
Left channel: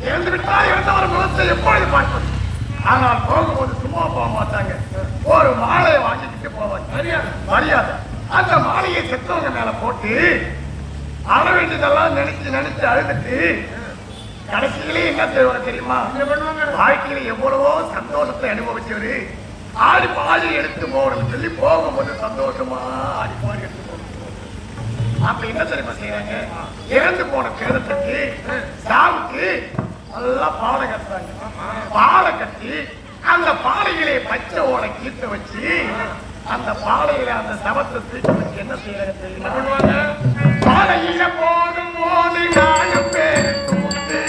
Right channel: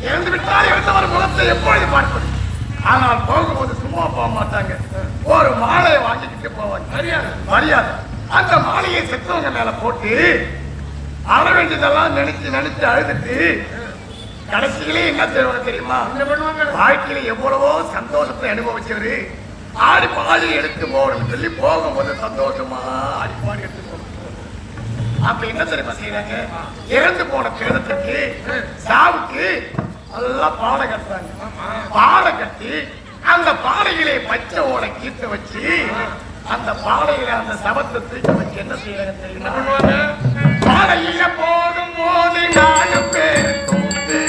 இறந்து விட்டால் இறந்தவர் குலத்தை எப்பொழுது பார்ப்பது? ஆனால் போகும்போது சும்மா போக மாட்டாங்க. ஒரு மாலையை வாங்கிக்கிட்டு போவாங்க. மரியாதை மரியாதை. அந்த மாலையை செத்தவங்க மேல போட்டு அற வேண்டியதெல்லாம் நினைச்சு அழுதுட்டு கடைசியிலே என்ன செய்வா தெரியுமா? வாழ்க்கையில எவ்வளவோ சந்தோஷத்தை அனுபவிச்சவரு ஆடி பாடி எடுத்து போறோம்னு சொல்லி போகும்போது சந்தோஷமா ஆடி பாடி எடுத்து போகணும். அப்ப என்ன தெரியுமா செய்யறாங்க? இறந்து போன கிரதத்துக்கு சாவுக்கு எல்லாம் பாலை கட்டுறாங்க. பாலை கட்டி அந்த பாலைகளை பச்சை ஓலை கீத்து வச்சு அந்த பாலையில அந்த சவத்தை தூக்கி வச்சு என்ன செய்யறாங்க தெரியுமா? பாலையில போதும் போது நானும் பேரு கூத்து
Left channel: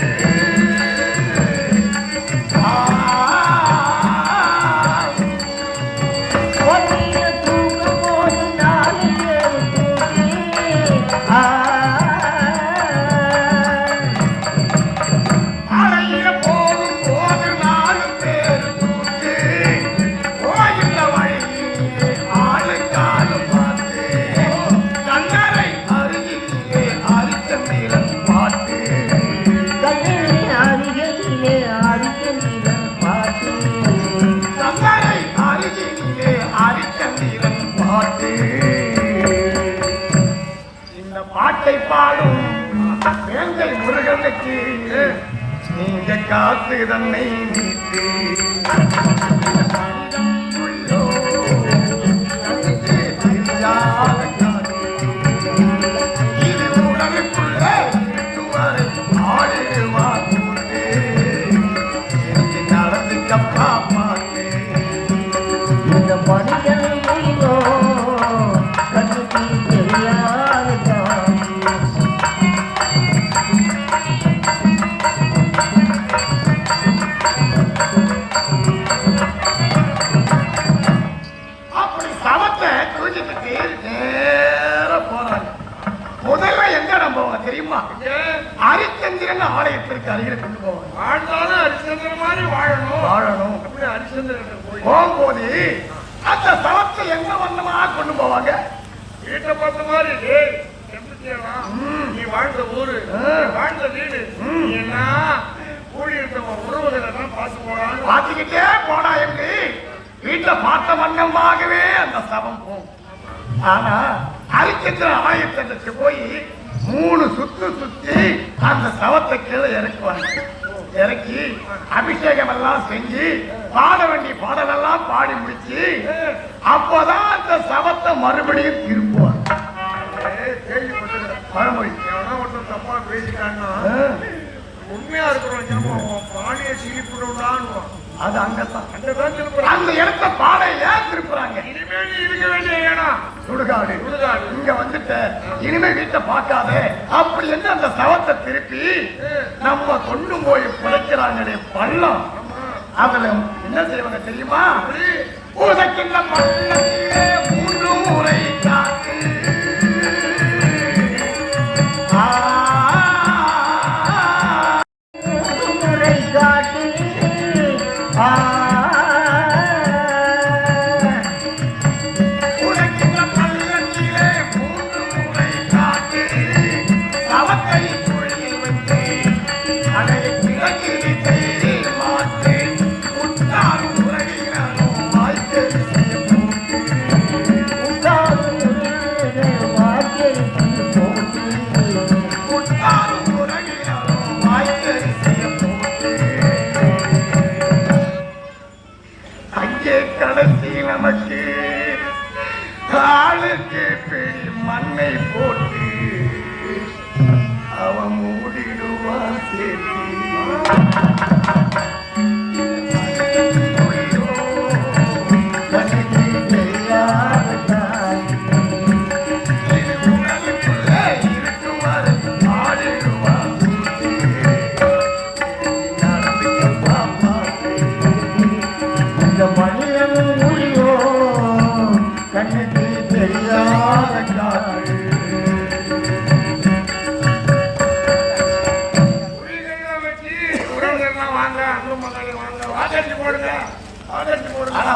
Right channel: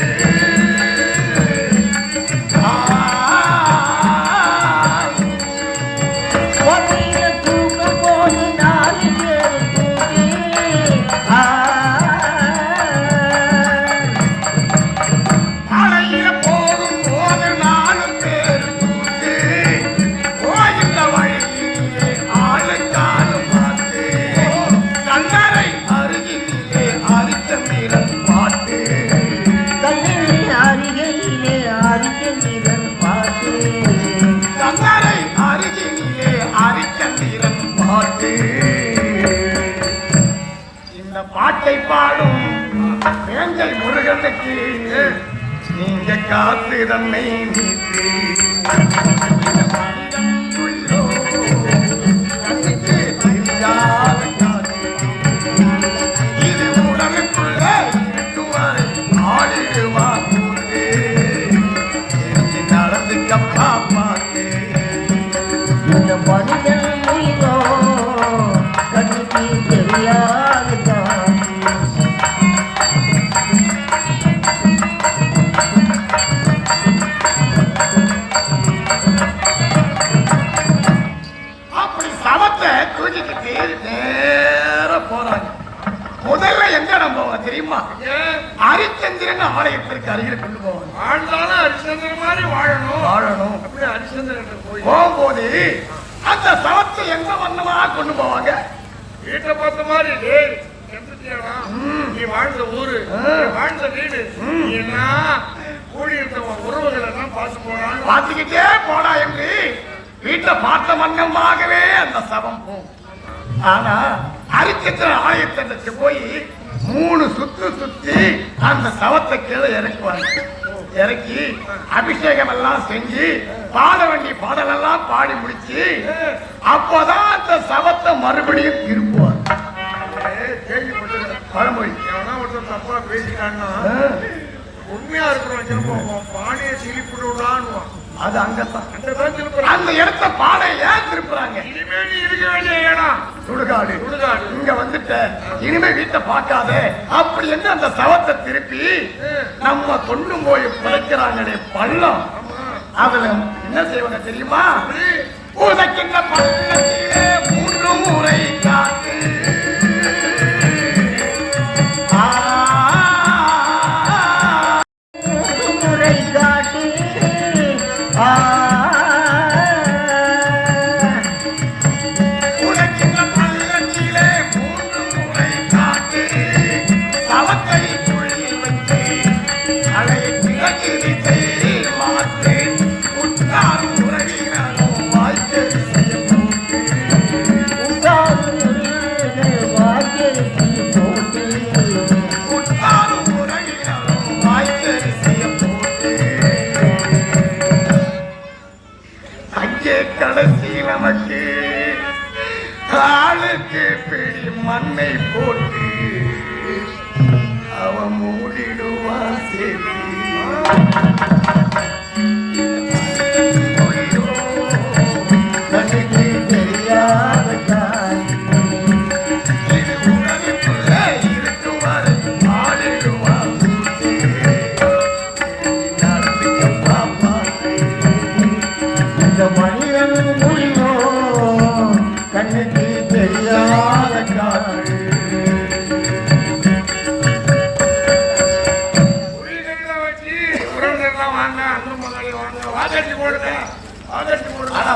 நீங்க காத்து தன்னை நீத்து நடந்துக்கப்பா பாட்டு ஹரிச்சந்திரன் போய் போகும்போது அந்த சவத்தை எந்த வண்ணமா கொண்டு போவாங்க? வீட்டை பார்த்த மாதிரி டேய், செத்துட்டியாடா? நீ வாழ்ந்த ஊரு, நீ வாழ்ந்த வீடு, நீ எல்லாம் கூடி இருக்கிற உறவுகளை எல்லாம் பார்த்து போறான்னு பார்த்துக்கிட்டே போனா எப்படி? வீட்டை பார்த்த வண்ணமாகவே அந்த சவம் போகும். ஆனா ஹரிச்சந்திரன் ஆயத்தனுக்கு போய் 3 சுத்து சுத்தி அந்த சவத்தை கீழே இறக்குவாங்க. இறக்கி அபிஷேகம் எல்லாம் செஞ்சு பாட வேண்டிய பாடலெல்லாம் பாடி முடிச்சு அப்பதான் அந்த சவத்தை மறுபடியும் திரும்புவாங்க. பழமொழி. எவனா ஒருத்தன் தப்பா பேசிட்டான்னா உண்மையா இருக்கிறவன் பானையை திருப்பிடுவான்னு அது அங்கதான் அந்த இடத்த பானை ஏன் திருப்புறாங்க? இனிமேல் நீ இருக்க வேண்டிய இடம் சுடுகாடு. சுடுகாடு. இங்க வந்துட்ட இனிமே வீட்டை பார்க்காத அப்படி என்ன அந்த சவத்தை திருப்பி நம்ம கொண்டு போய் புதைக்கிறாங்களே பள்ளம். அவளை என்ன செய்வாங்க தெரியுமா? உனக்கின்ற பள்ளத்திலே 3 முறை காட்டு. கடைசி நமக்கு காலுக்கு பிடி மண்ணை போட்டு அவன் மூடிடுவான் சேர்த்து.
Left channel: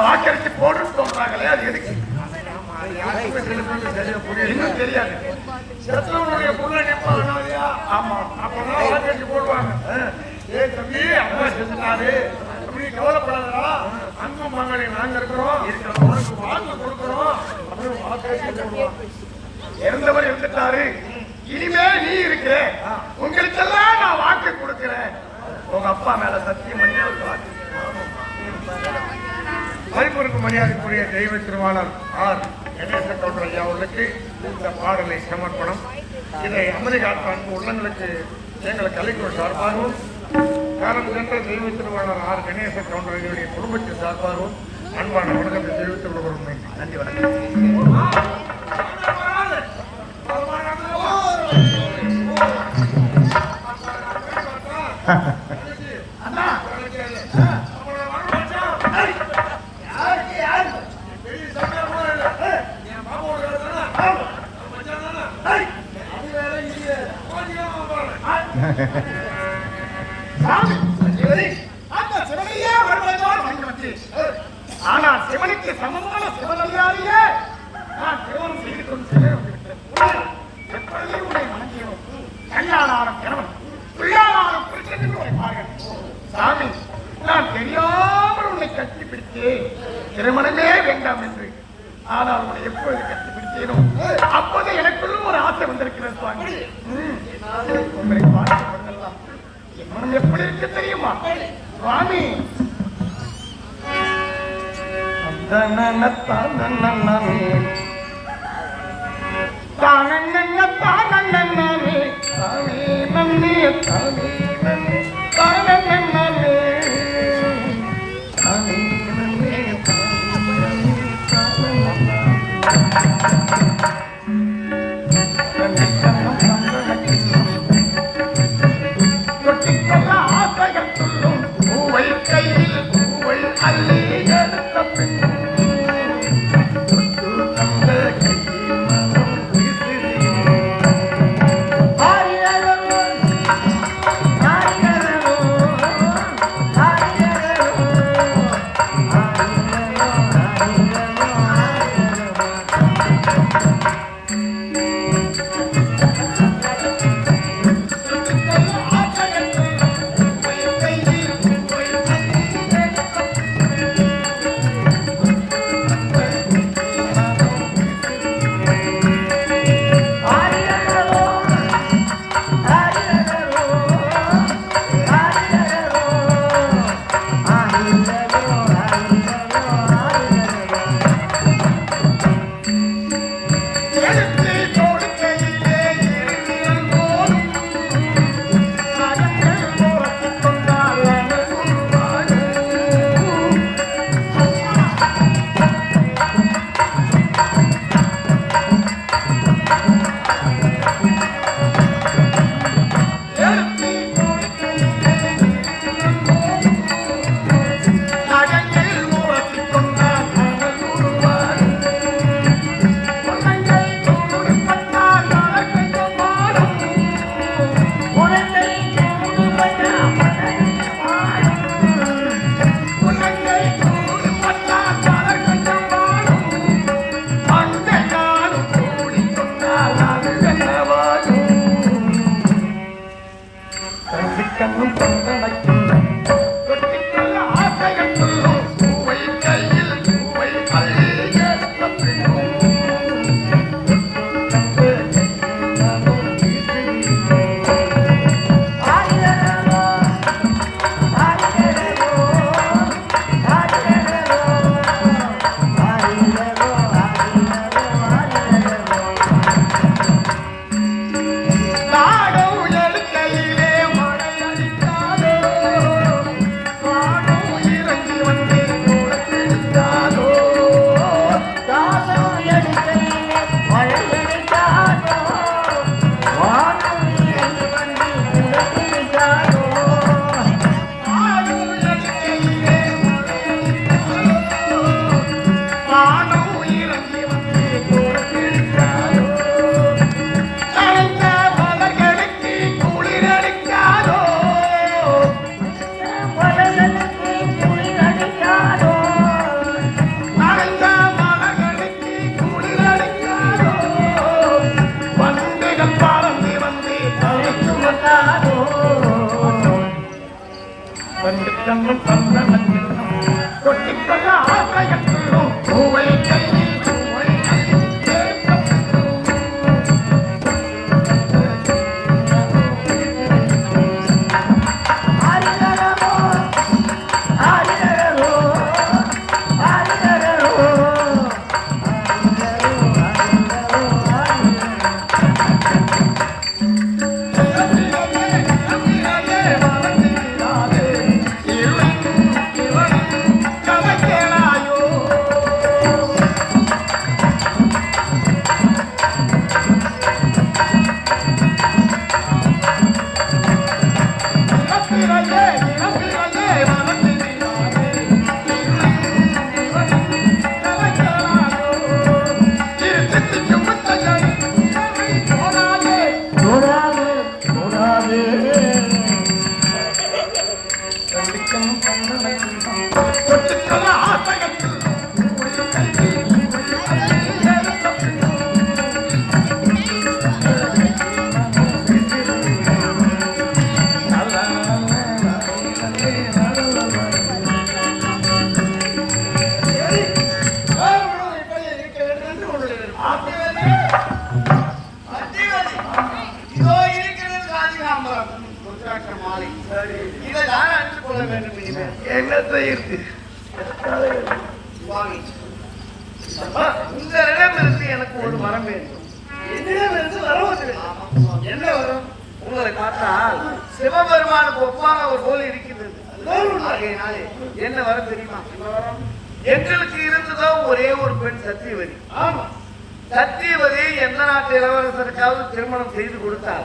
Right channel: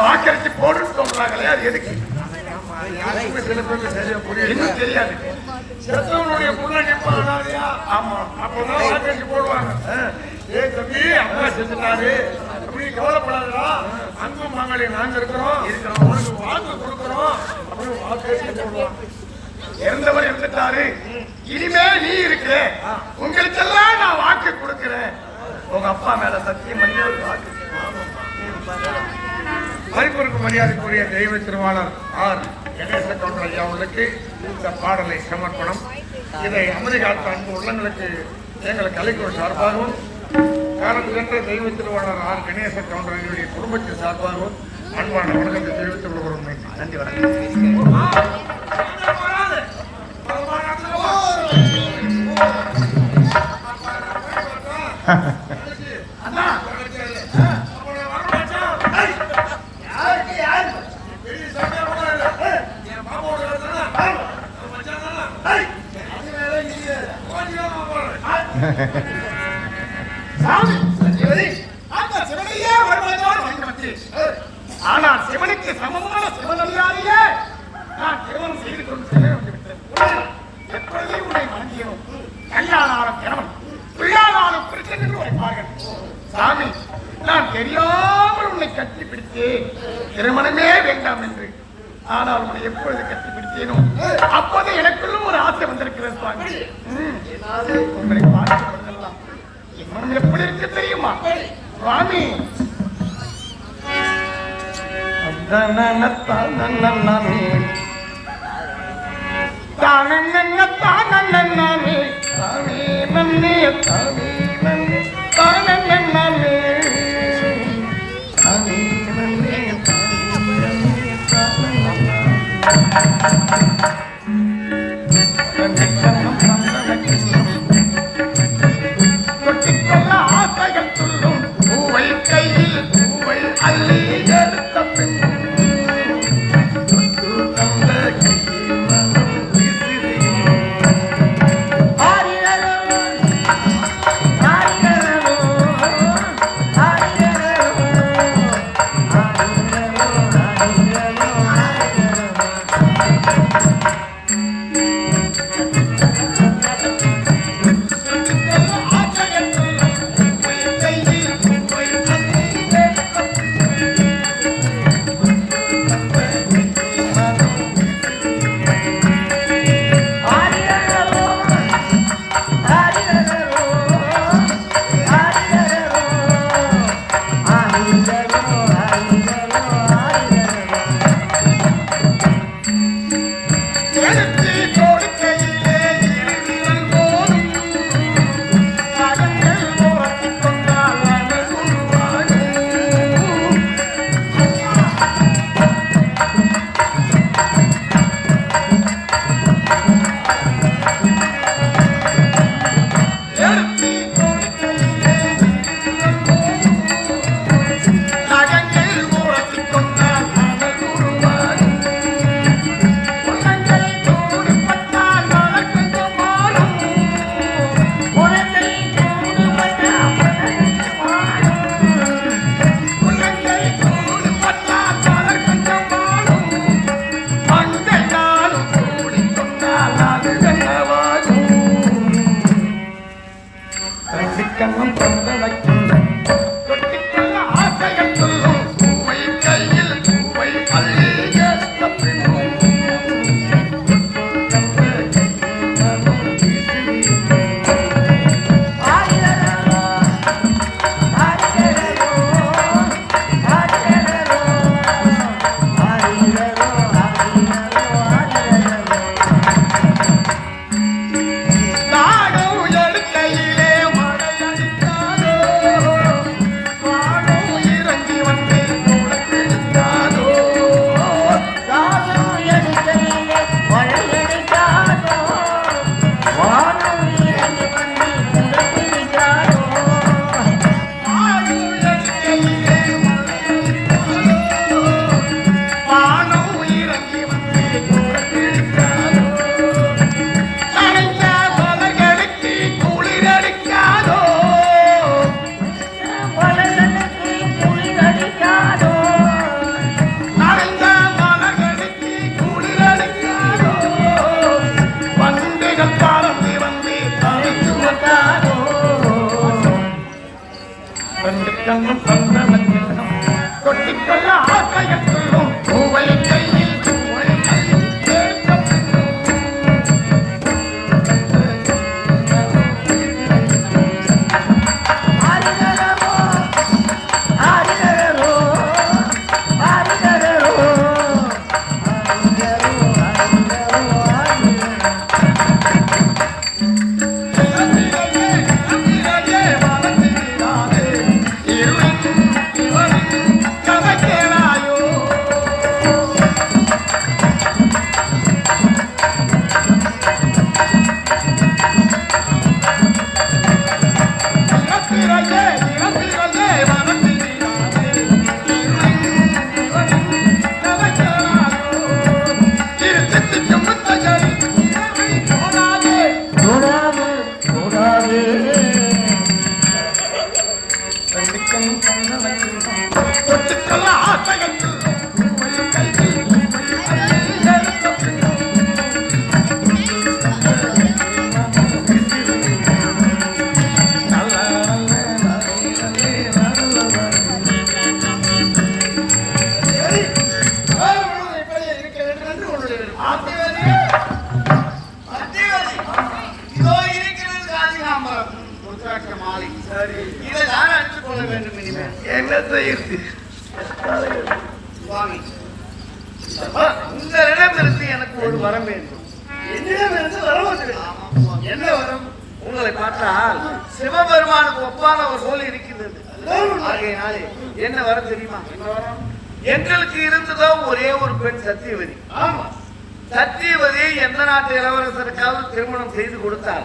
வாக்கரிசி போட்டு சொல்றாங்களே அது எதுக்கு இன்னும் தெரியாது. செத்தவனுடைய புண்ணை ஆமா அப்பதான் வாக்கரிசி போடுவாங்க. ஏய் தம்பி, அப்பா செஞ்சுட்டாரு, நீ கவலைப்படாதடா, அங்கும் மகளிர் நாங்க இருக்கிறோம், உனக்கு வாழ்க்கை கொடுக்கிறோம் அப்படின்னு வாக்கரிசி போடுவாங்க. இறந்தவர் இருந்துட்டாரு, இனிமே நீ இருக்க, உங்களுக்கெல்லாம் நான் வாக்கு கொடுக்கிறேன். உங்க அப்பா மேல சத்தியம் பண்ணி ஒரு வாக்கு. மதிப்பிற்கு மரியாதைக்குரிய தெய்வ திருவாளர் ஆர் கணேச கவுண்டர் அவர்களுக்கு இந்த பாடலை சமர்ப்பணம். இதை அமெரிக்காவுக்கு அன்பு உள்ளங்களுக்கு எங்கள் கலைக்குழு சார்பாகவும் காலம் சென்ற தெய்வ திருவாளர் ஆர் கணேச கவுண்டர்களுடைய குடும்பத்தின் சார்பாகவும் அன்பான வணக்கத்தை தெரிவித்துக் கொள்கிறோம். நன்றி, வணக்கம். ஆனா சிவனுக்கு சமமான சிவனடியாரையே நான் திருமணம் செய்து கொண்டு எப்படியும் உன்னை வணங்கியும் கையாளான கணவன் பிள்ளையாளான பிரச்சனை வைப்பார்கள். சாமி, நான் தெரியாமல் உன்னை கட்டி பிடித்து திருமணமே வேண்டாம் என்று, ஆனால் உன்னை எப்பொழுது கட்டி பிடித்தேனோ அப்போது எனக்குள்ள ஒரு ஆசை வந்திருக்கிறது. சாமி, உங்களை பார்த்து கொள்ளலாம். இன்னும் எப்படி இருக்கு தெரியுமா சுவாமி? என்ன செய்யுது சுவாமி இந்த இடத்திற்கு எனக்கு ஒரு வரம் வேண்டும். என்னிடமிருந்து வரம் இருக்கிறது. என்ன வரம்? உங்களை பார்த்தால் சிவபெருமானுக்கு ஒப்பான ஒரு போல் இருக்கிறது. ஆகையினாலே என்ன வரம் தெரியுமா? எங்களுக்கு இருந்ததோ ஒரே ஒரு பெண் சத்தியவதி. ஆமா, சத்தியவதி எந்த நாட்டு இளவரசருக்காவது திருமணம் செய்து கொடுத்தால்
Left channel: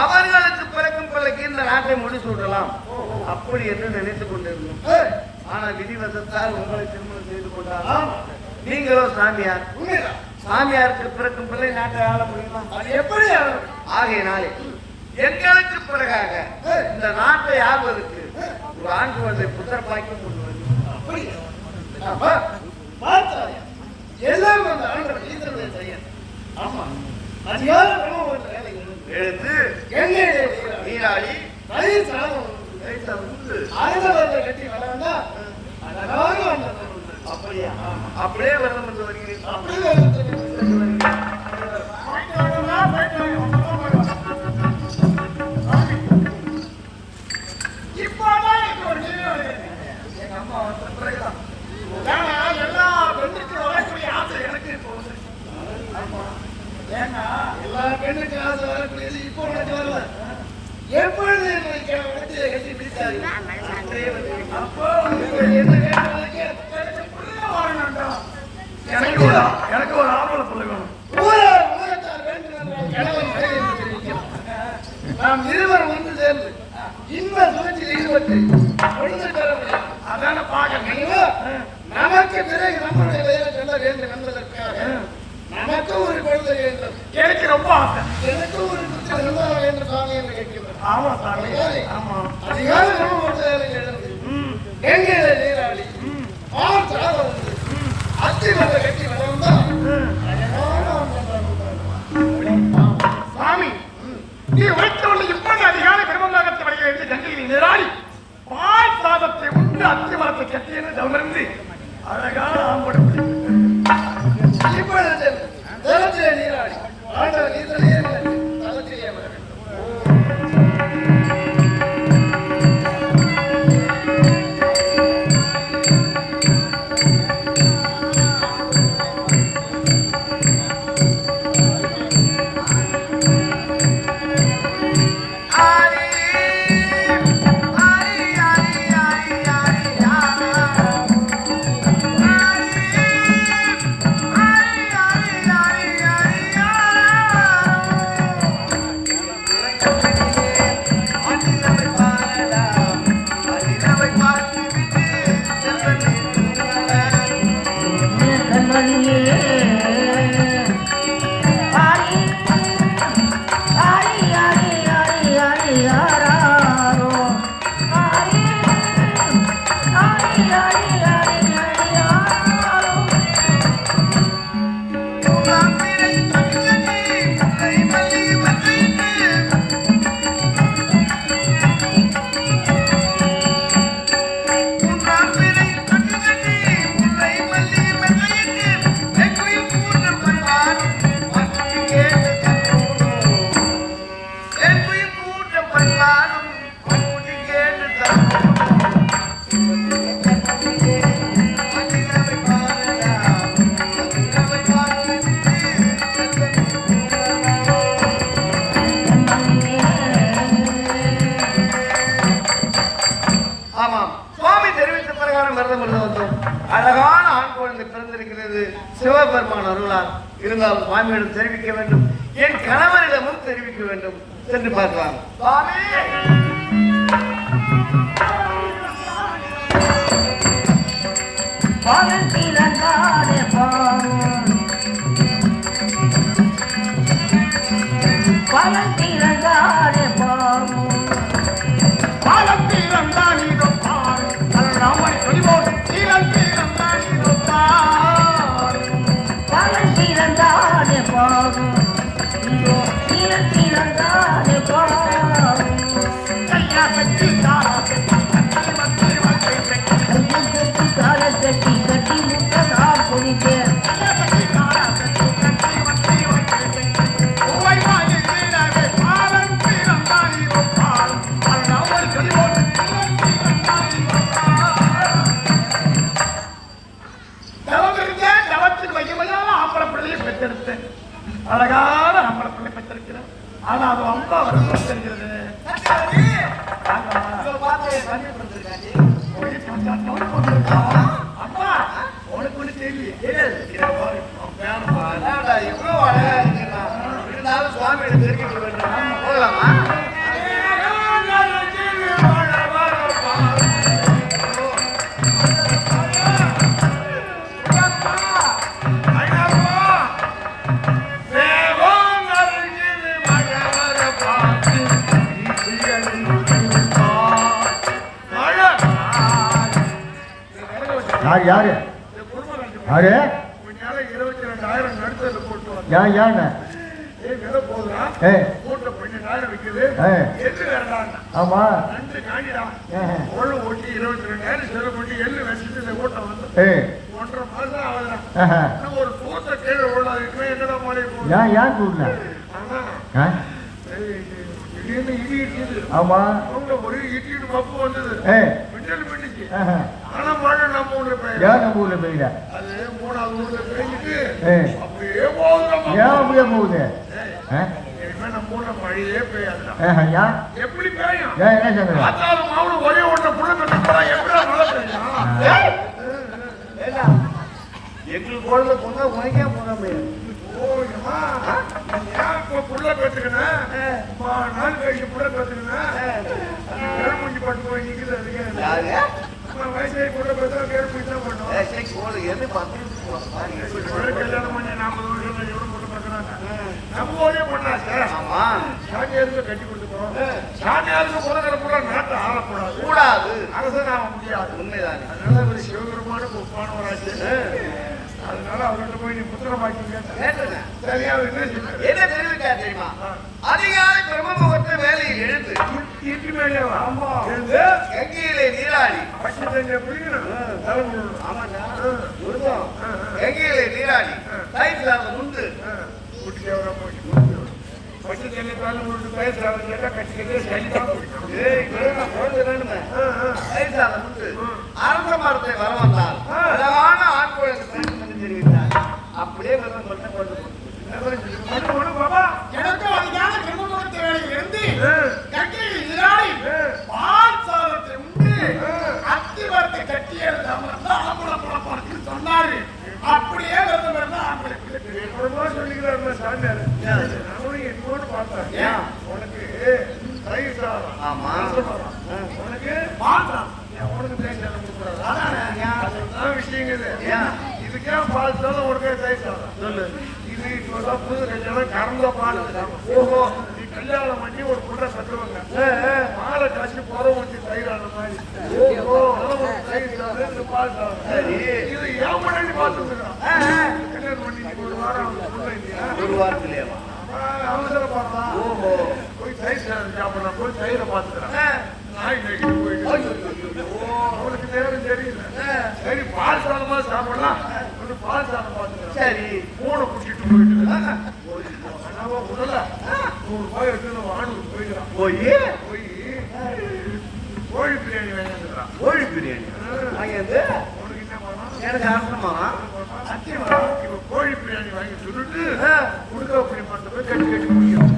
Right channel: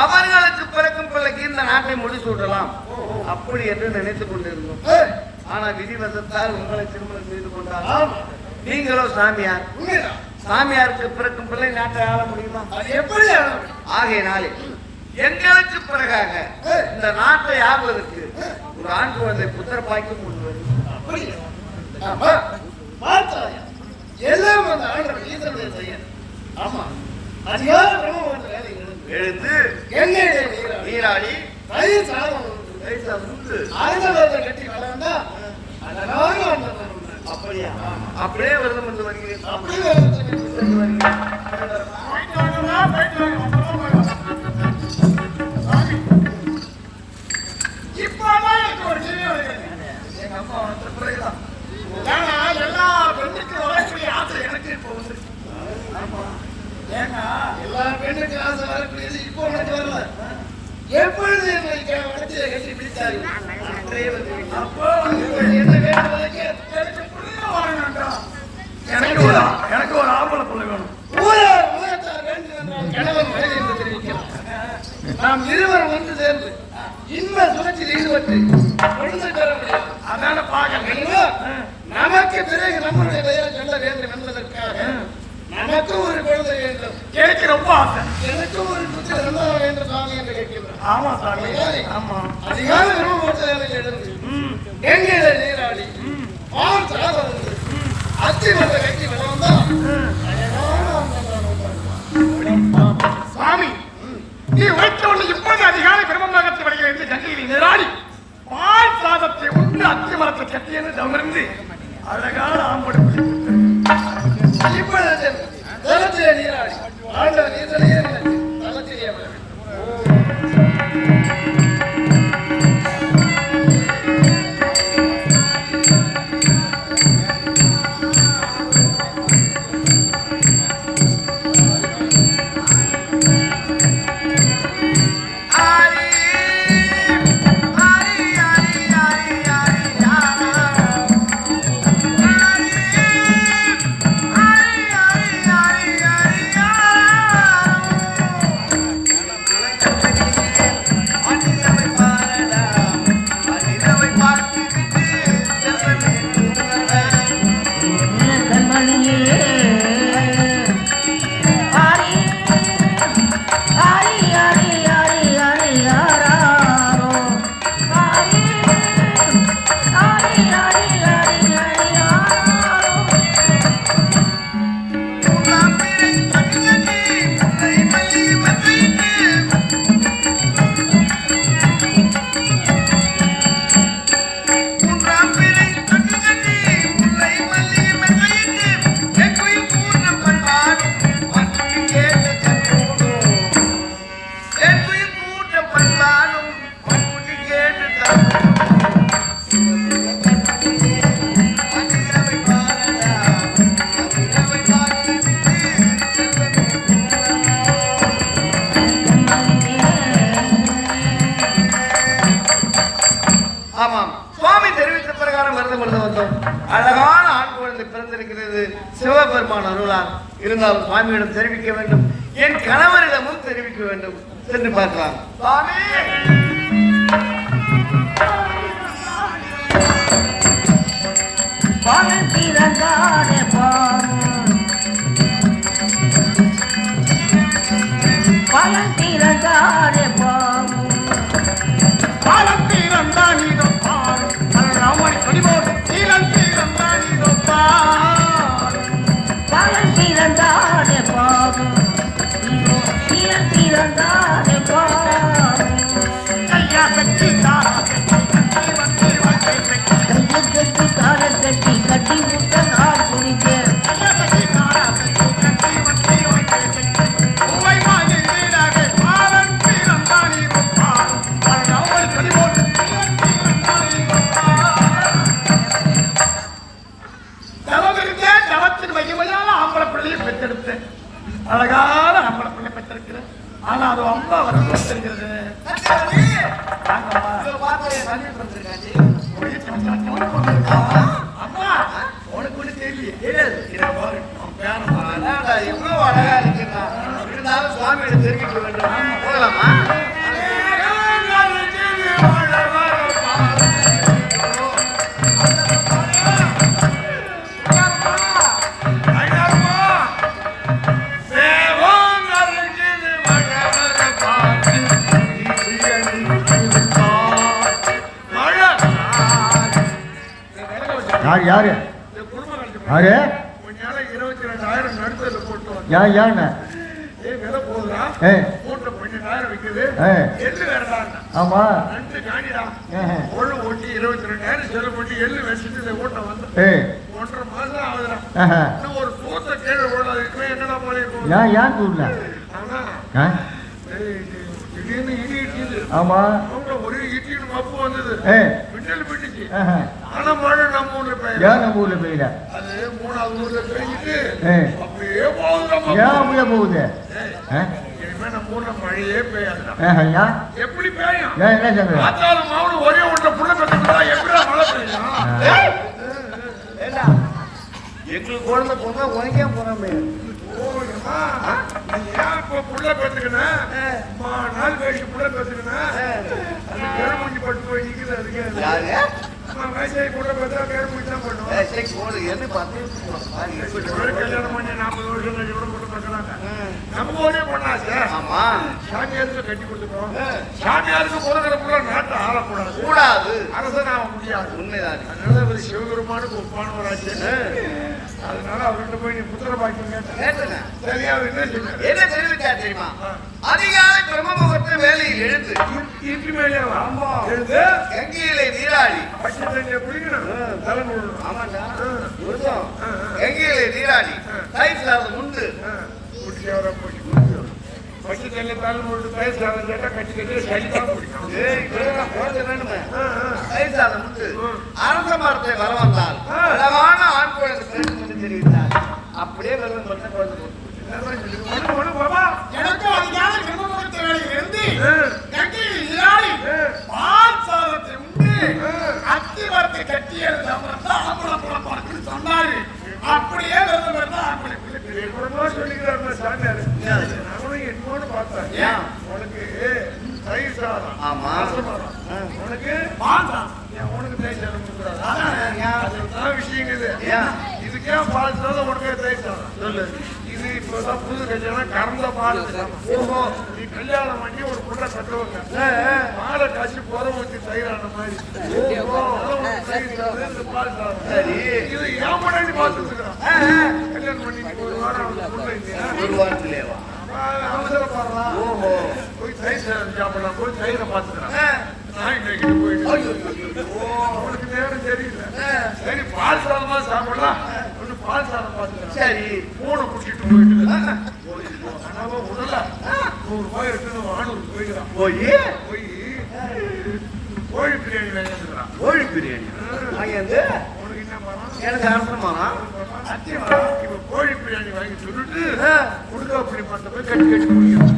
அவர்களுக்கு பிறக்கும் பிள்ளைக்கு இந்த நாட்டை முடிசூட்டலாம் அப்படி என்று நினைத்துக் கொண்டிருந்தோம். ஆனால் விதிவசத்தால் உங்களை திருமணம் செய்து கொண்டால் நீங்களோ சாமியார். சாமியாருக்கு பிறக்கும் பிள்ளை நாட்டை ஆள முடியுமா? அது எப்படி ஆளும்? ஆகையினாலே எங்களுக்கு பிறகாக இந்த நாட்டை ஆள்வதற்கு ஒரு ஆண் குழந்தை புத்தர் பாய்க்கும் அப்படி பார்த்தாய் எல்லாம் அந்த ஆண்டவர் ஈஸ்வரனுடைய செயல். ஆமா, அதிகார எழுந்து எண்ணெயிலே நீராடி தயிர் சாதம் ஆயுதத்தை கட்டி வளர்ந்தா அழகாக வந்தது. அப்படியா? அப்படியே வந்து கொண்டு வருகிறேன். அப்படி இப்பதான் எனக்கு ஒரு கேள்வி வருகிறது. எங்க அம்மா வந்த பிறகுதான் எல்லா பெண்ணுக்கும் வரக்கூடிய ஆசை எனக்கு இப்போ வந்து. ஏன்னா எல்லா பெண்ணுக்கு ஆசை வரக்கூடியது இப்போ உனக்கு வரல. எப்பொழுது என்னை கட்டி பிடித்தார்கள் அப்போ என்ன கேட்டதுக்கு எனக்கு புள்ள வரணும்டா. எனக்கு ஒரு ஆம்பளை புள்ள வேணும். உலகத்தார் வேண்டும் என்றால் கணவன் மனைவி என்று தெரிவிக்கிறோம். நாம் இருவரும் வந்து சேர்ந்து இன்ப சுழற்சியில் ஈடுபட்டு பொழுது பெற முடியும். அதான பார்க்க நமக்கு பிறகு நம்முடைய பெயரை சொல்ல வேண்டும் என்பதற்காக நமக்கும் ஒரு குழந்தை வேண்டும். எனக்கு ரொம்ப ஆசை. எனக்கும் ஒரு புத்திர சந்தானம் வேண்டும் சாமி என்று கேட்கிறேன். ஆமா சாமி. ஆமா, அதிகார விரும்பப்படுத்த எழுந்து கங்கையில நீராடி பால் சாதம் வந்து அத்தி மலை கட்டி வளர்ந்தான் சாமி. நீ வைத்தவள் இப்போது அதிகார கிரமமாக வருகிறது. கங்கையில் நீராடி பால் சாதத்தை உண்டு அத்தி மரத்தை கட்டி என்று தவிர்த்து அழகான ஆம்படுத்தி இப்பொழுது தளத்திலே நீராடி ஆண்டவர் நீதிலே தளத்திலே சிவபெருமான் அருளால் இருந்தாலும் சுவாமியிடம் தெரிவிக்க வேண்டும். என் கணவரிடமும் தெரிவிக்க வேண்டும். சென்று பார்க்கலாம். கட்டி யாரு இந்த குடும்பம் கண்டு யாரு கொஞ்ச நேரம் 22,000 நடுத்தல போட்டு வா. யாருண்ணே விலை போகுதா? ஏய் மூட்டை 12,000 விக்குது. ஏய் எள்ளு வேண்டாங்க. ஆமா 2 காடியா. ஏய் ஒரு ஓட்டி 22,000 செலவு பண்ணி எள்ளு வச்சுட்டு இந்த ஓட்டை வந்து ஏய் 1.5 மாசம் ஆகுதா? ஆஹா. இன்னும் ஒரு தூரத்தை கீழே விடாது. இன்னும் என்னடா மாதிரி போகுது? ஏன் கூடல அதான். திடீர்னு இடி இடிக்குது. ஆமா அவங்க ஒரு இடிக்கு மப்பு வந்தது. ஏய் மின்னல் விட்டுச்சு. ஆஹா. ஆனா மழை நம்ம ஊர்ல பெய்யல. ஏன் நம்ம ஊர்ல பெய்யல அது 3வது ஊர்ல பெய்ஞ்சிட்டு ஏய் அப்படியே போகுது. ஏன் அப்படியே போகுது இனிமே நம்ம ஊர்ல மழையே பெய்யல. ஏன் எப்படி பெய்யும்? ஏன் என்ன சொல்ற பார்த்தாலும் மாவுல ஒரே ஒன்றை புள்ள கட்டுறா எப்படி மழை பெய்யும்? வேண்டாம். எங்களுக்கு குழந்தை பொண்ணா உனக்கே போறாமே. ஓடுமா? நீ ஏன் இப்ப புள்ள பெற்றுக்கணும்? அம்மா, நாள் கழிச்சு புள்ள பெற்றுக்கணும். அது கேள்வி பட்டு போய் நிக்குது அதுக்கு. யாருங்க? அம்மா வயசாகி புள்ள பெற்றா கேள்வி தான் பண்ணுவோம். சரி போடு என்ன பார்த்து போறோம் பாருங்க. கல்யாணம் பண்ணி 40 வருஷம் எவ்வளவு போட்டு கட்டுறாங்க. நம்ம ஊரே பண்ணாச்சு. ஆமா சாமியாருக்கு கட்டி கொடுத்துருக்கோம். சாமியாருக்கு பிறகு நாட்டை ஆளக்கூடாது. கூடாது. அரசன் ஆக முடியாது. உண்மைதான். அதனால ஒரு சிவபெருமான ஒப்பானவராச்சு. அதனால அவர்கிட்ட போய் நீ புத்திரம் வாங்கிங்க. கேட்டுங்க. சரியா அவர் என்ன சொன்னாரு? என்ன தெரிவித்தார் தெரியுமா? அதிகாலை பிரம்ம முகூர்த்த வேலையில் எழுந்து இட்லி மேலே வா. எழுந்து கங்கையிலே நீராடி பச்சை தண்ணியை குடிக்கணும். தலை முழுவதும். ஆமாண்டா. முருகன். கங்கையிலே நீராடி தயிர் சாதம் உண்டு குடிச்சு அவரை போய் குடிக்கணும். பச்சை தண்ணி தலை முழுவதும் தயிர் சாதம் கேட்டா கட்சி கட்டி சரிதான் குடிக்கணும். ஏய், முருகன், குழந்தை வேணுமே. தயிர் சாதம் உண்டு அரச மரத்தை வர வந்தால் அழகான ஆண் குழந்தை பிறக்கும் என்று தெரிவித்தார். அப்படியே வெள்ளம் பண்ண குழந்தை பிறக்கும். ஒண்ணு ஒண்ணு பாபா. எனக்கும் அதிகாலை பிரம்மமுகூர்த்த வேளையில் இருந்து கங்கையில் நீராடி பால் சாதத்தை உண்டு அத்திமரத்தை கட்டியது அமர்ந்தான் ஆம்பளம் புலப்பான்னு சொன்னாரு. அப்படியே விரதம் இருந்தா ஆம்பளை எப்படிமா சொல்லிக்கிறாரு சாமியார். நானும் என்னோடு பார்த்தேன். ஏன்? உனக்கு தயிர் சாதம். ஆமா. உனக்கு பால் சாதம் உனக்கு தயிர் சாதம் கொடுக்கூடாதா? அதானே அதுதான் விஷயங்குது. ஏன்? இதுக்கே பால் சாதம் உனக்கு தயிர் சாதம். இது இப்பதான் புது கல்யாணம் கறந்த பால். ஓஹோ, நீ கல்யாணம் பண்ணி ஒரு புள்ள கட்டுவாங்க. பாலை காய்ச்சி போதவனுக்கு தயிர் ஆன மாதிரி. ஓஹோ, அதான் உனக்கு தயிர் சாதம், இந்த பால் சாதம். சரி. இது ஏன் பண்ணி பார்த்துருக்கான். கல்யாணம் பண்ணி ஒரு வாரம் புள்ள இல்லையா? ஒரு வாரத்திலேவா? அவசரப்பாடா. ஓஹோ. போய் தயிர் சாதம் சாப்பிடலாம். போய் தயிரை பார்த்துக்கலாம். நான் இன்னைக்கு போயிட்டு அவனுக்கு நேரம் தெரியல. சரி பால் சாதமா சாப்பிடலாம். ஒரு பால் சாதம் பார்த்துக்கலாம். சரி. மூணு குடிச்சிட்டு போயிட்டு நம்ம உடல 100 ரூபாய் எடுத்து வாங்கி போயிடலாம். போய் போய் கோழி பிரியாணி வாங்கிடுறான். கோழி பிரியாணி வாங்கியது உனக்கு என்ன பண்ணலாம்? எனக்கு ஆசமானா இப்ப கோழி பிரியாணி வாங்கி சொல்லிட்டு உடுக்கா பிடி மாட்டோம் கட்டி கட்டி முடியும்.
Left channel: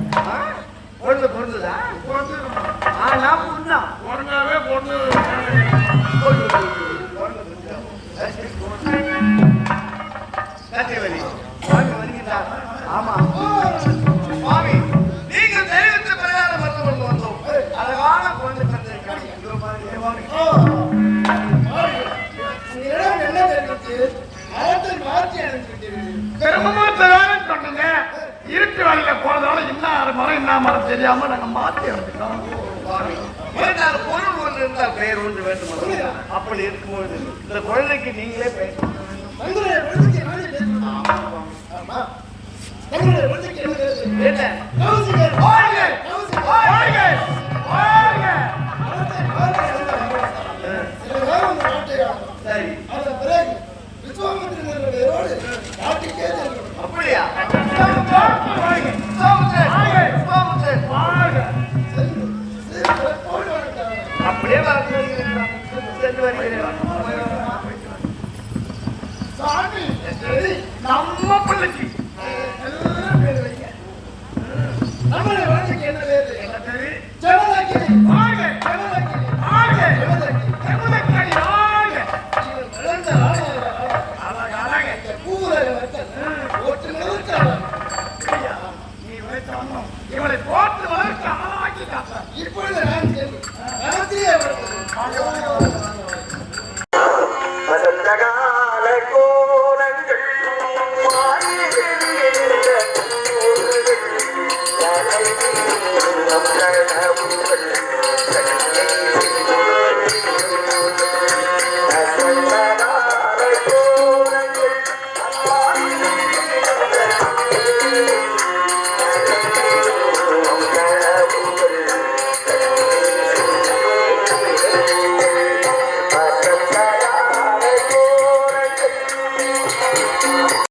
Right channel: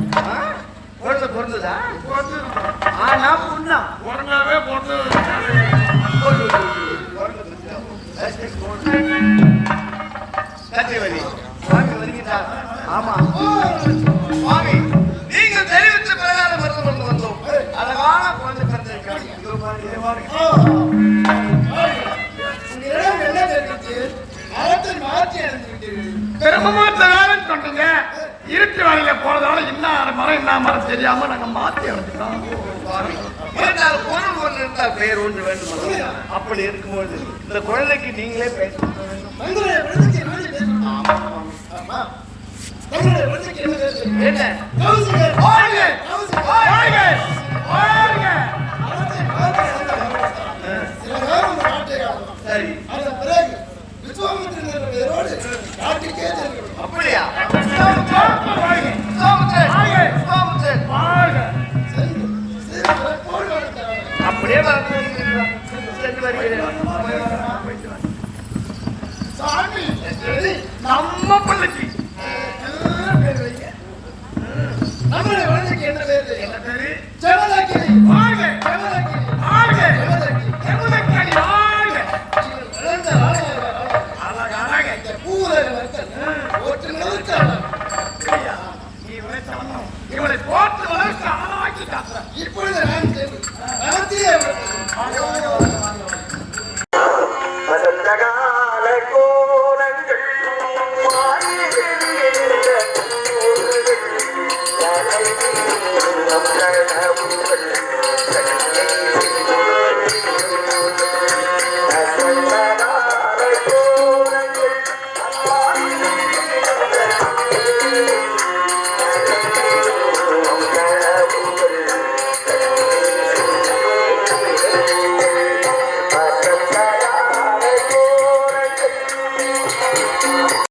குழந்தை பிறந்ததா? வந்து ஆனா புண்ணா உடனே பொண்ணு கத்திவலி ஆமா சுவாமி நீங்கள் தெரிவித்த பிரகாரம் வந்து வந்தோம். அழகான குழந்தை பிறந்திருக்காங்க. இதோ பாருங்க. உங்களிடம் என்ன தெரிவித்து அறத்தை மாற்றி அடைந்துவிட்டீர்கள். பெருமூர்த்த வேலை சொன்னீங்க இருட்டு வழியில போறதால இன்னும் மரம் என்ன மரம் தெரியாம நாங்க மாத்தி எடுத்துக்கிறோம். இரண்டாவது பொருள் ஒன்று இருந்தால் பெயர் ஒன்று வேண்டும். அப்படி இருக்கும்போது இந்த குழந்தைக்கு நீங்களே பெயர் தங்களுடைய குழந்தைக்கு என்ன பேசணும்? ஆமா. தங்களுடைய குழந்தைக்கு என்ன பேசணும்? என்ன? கௌசிகர். வாழ்க! கௌசிகர். வாழ்க! வாழ்க! அறத்தை மாற்றி அடைந்தார்கள். சில காலம் இந்த நாட்டை ஆளலாம். சரி. அதன் பிறகு விஸ்வாமித்திரன் என்ற பெயரோடு நாட்டுக்கே செல்கிறோம். அப்படியா? சோமுத்திரன்! சோமுத்திரன்! சென்று சிறப்போடு வாழ்ந்தார்கள். அப்படியே வரப்போகிறீர்களா? சென்று வருகிறேன். சாமி நம்ம பிள்ளைக்கு நம்மளுடைய குழந்தைக்கு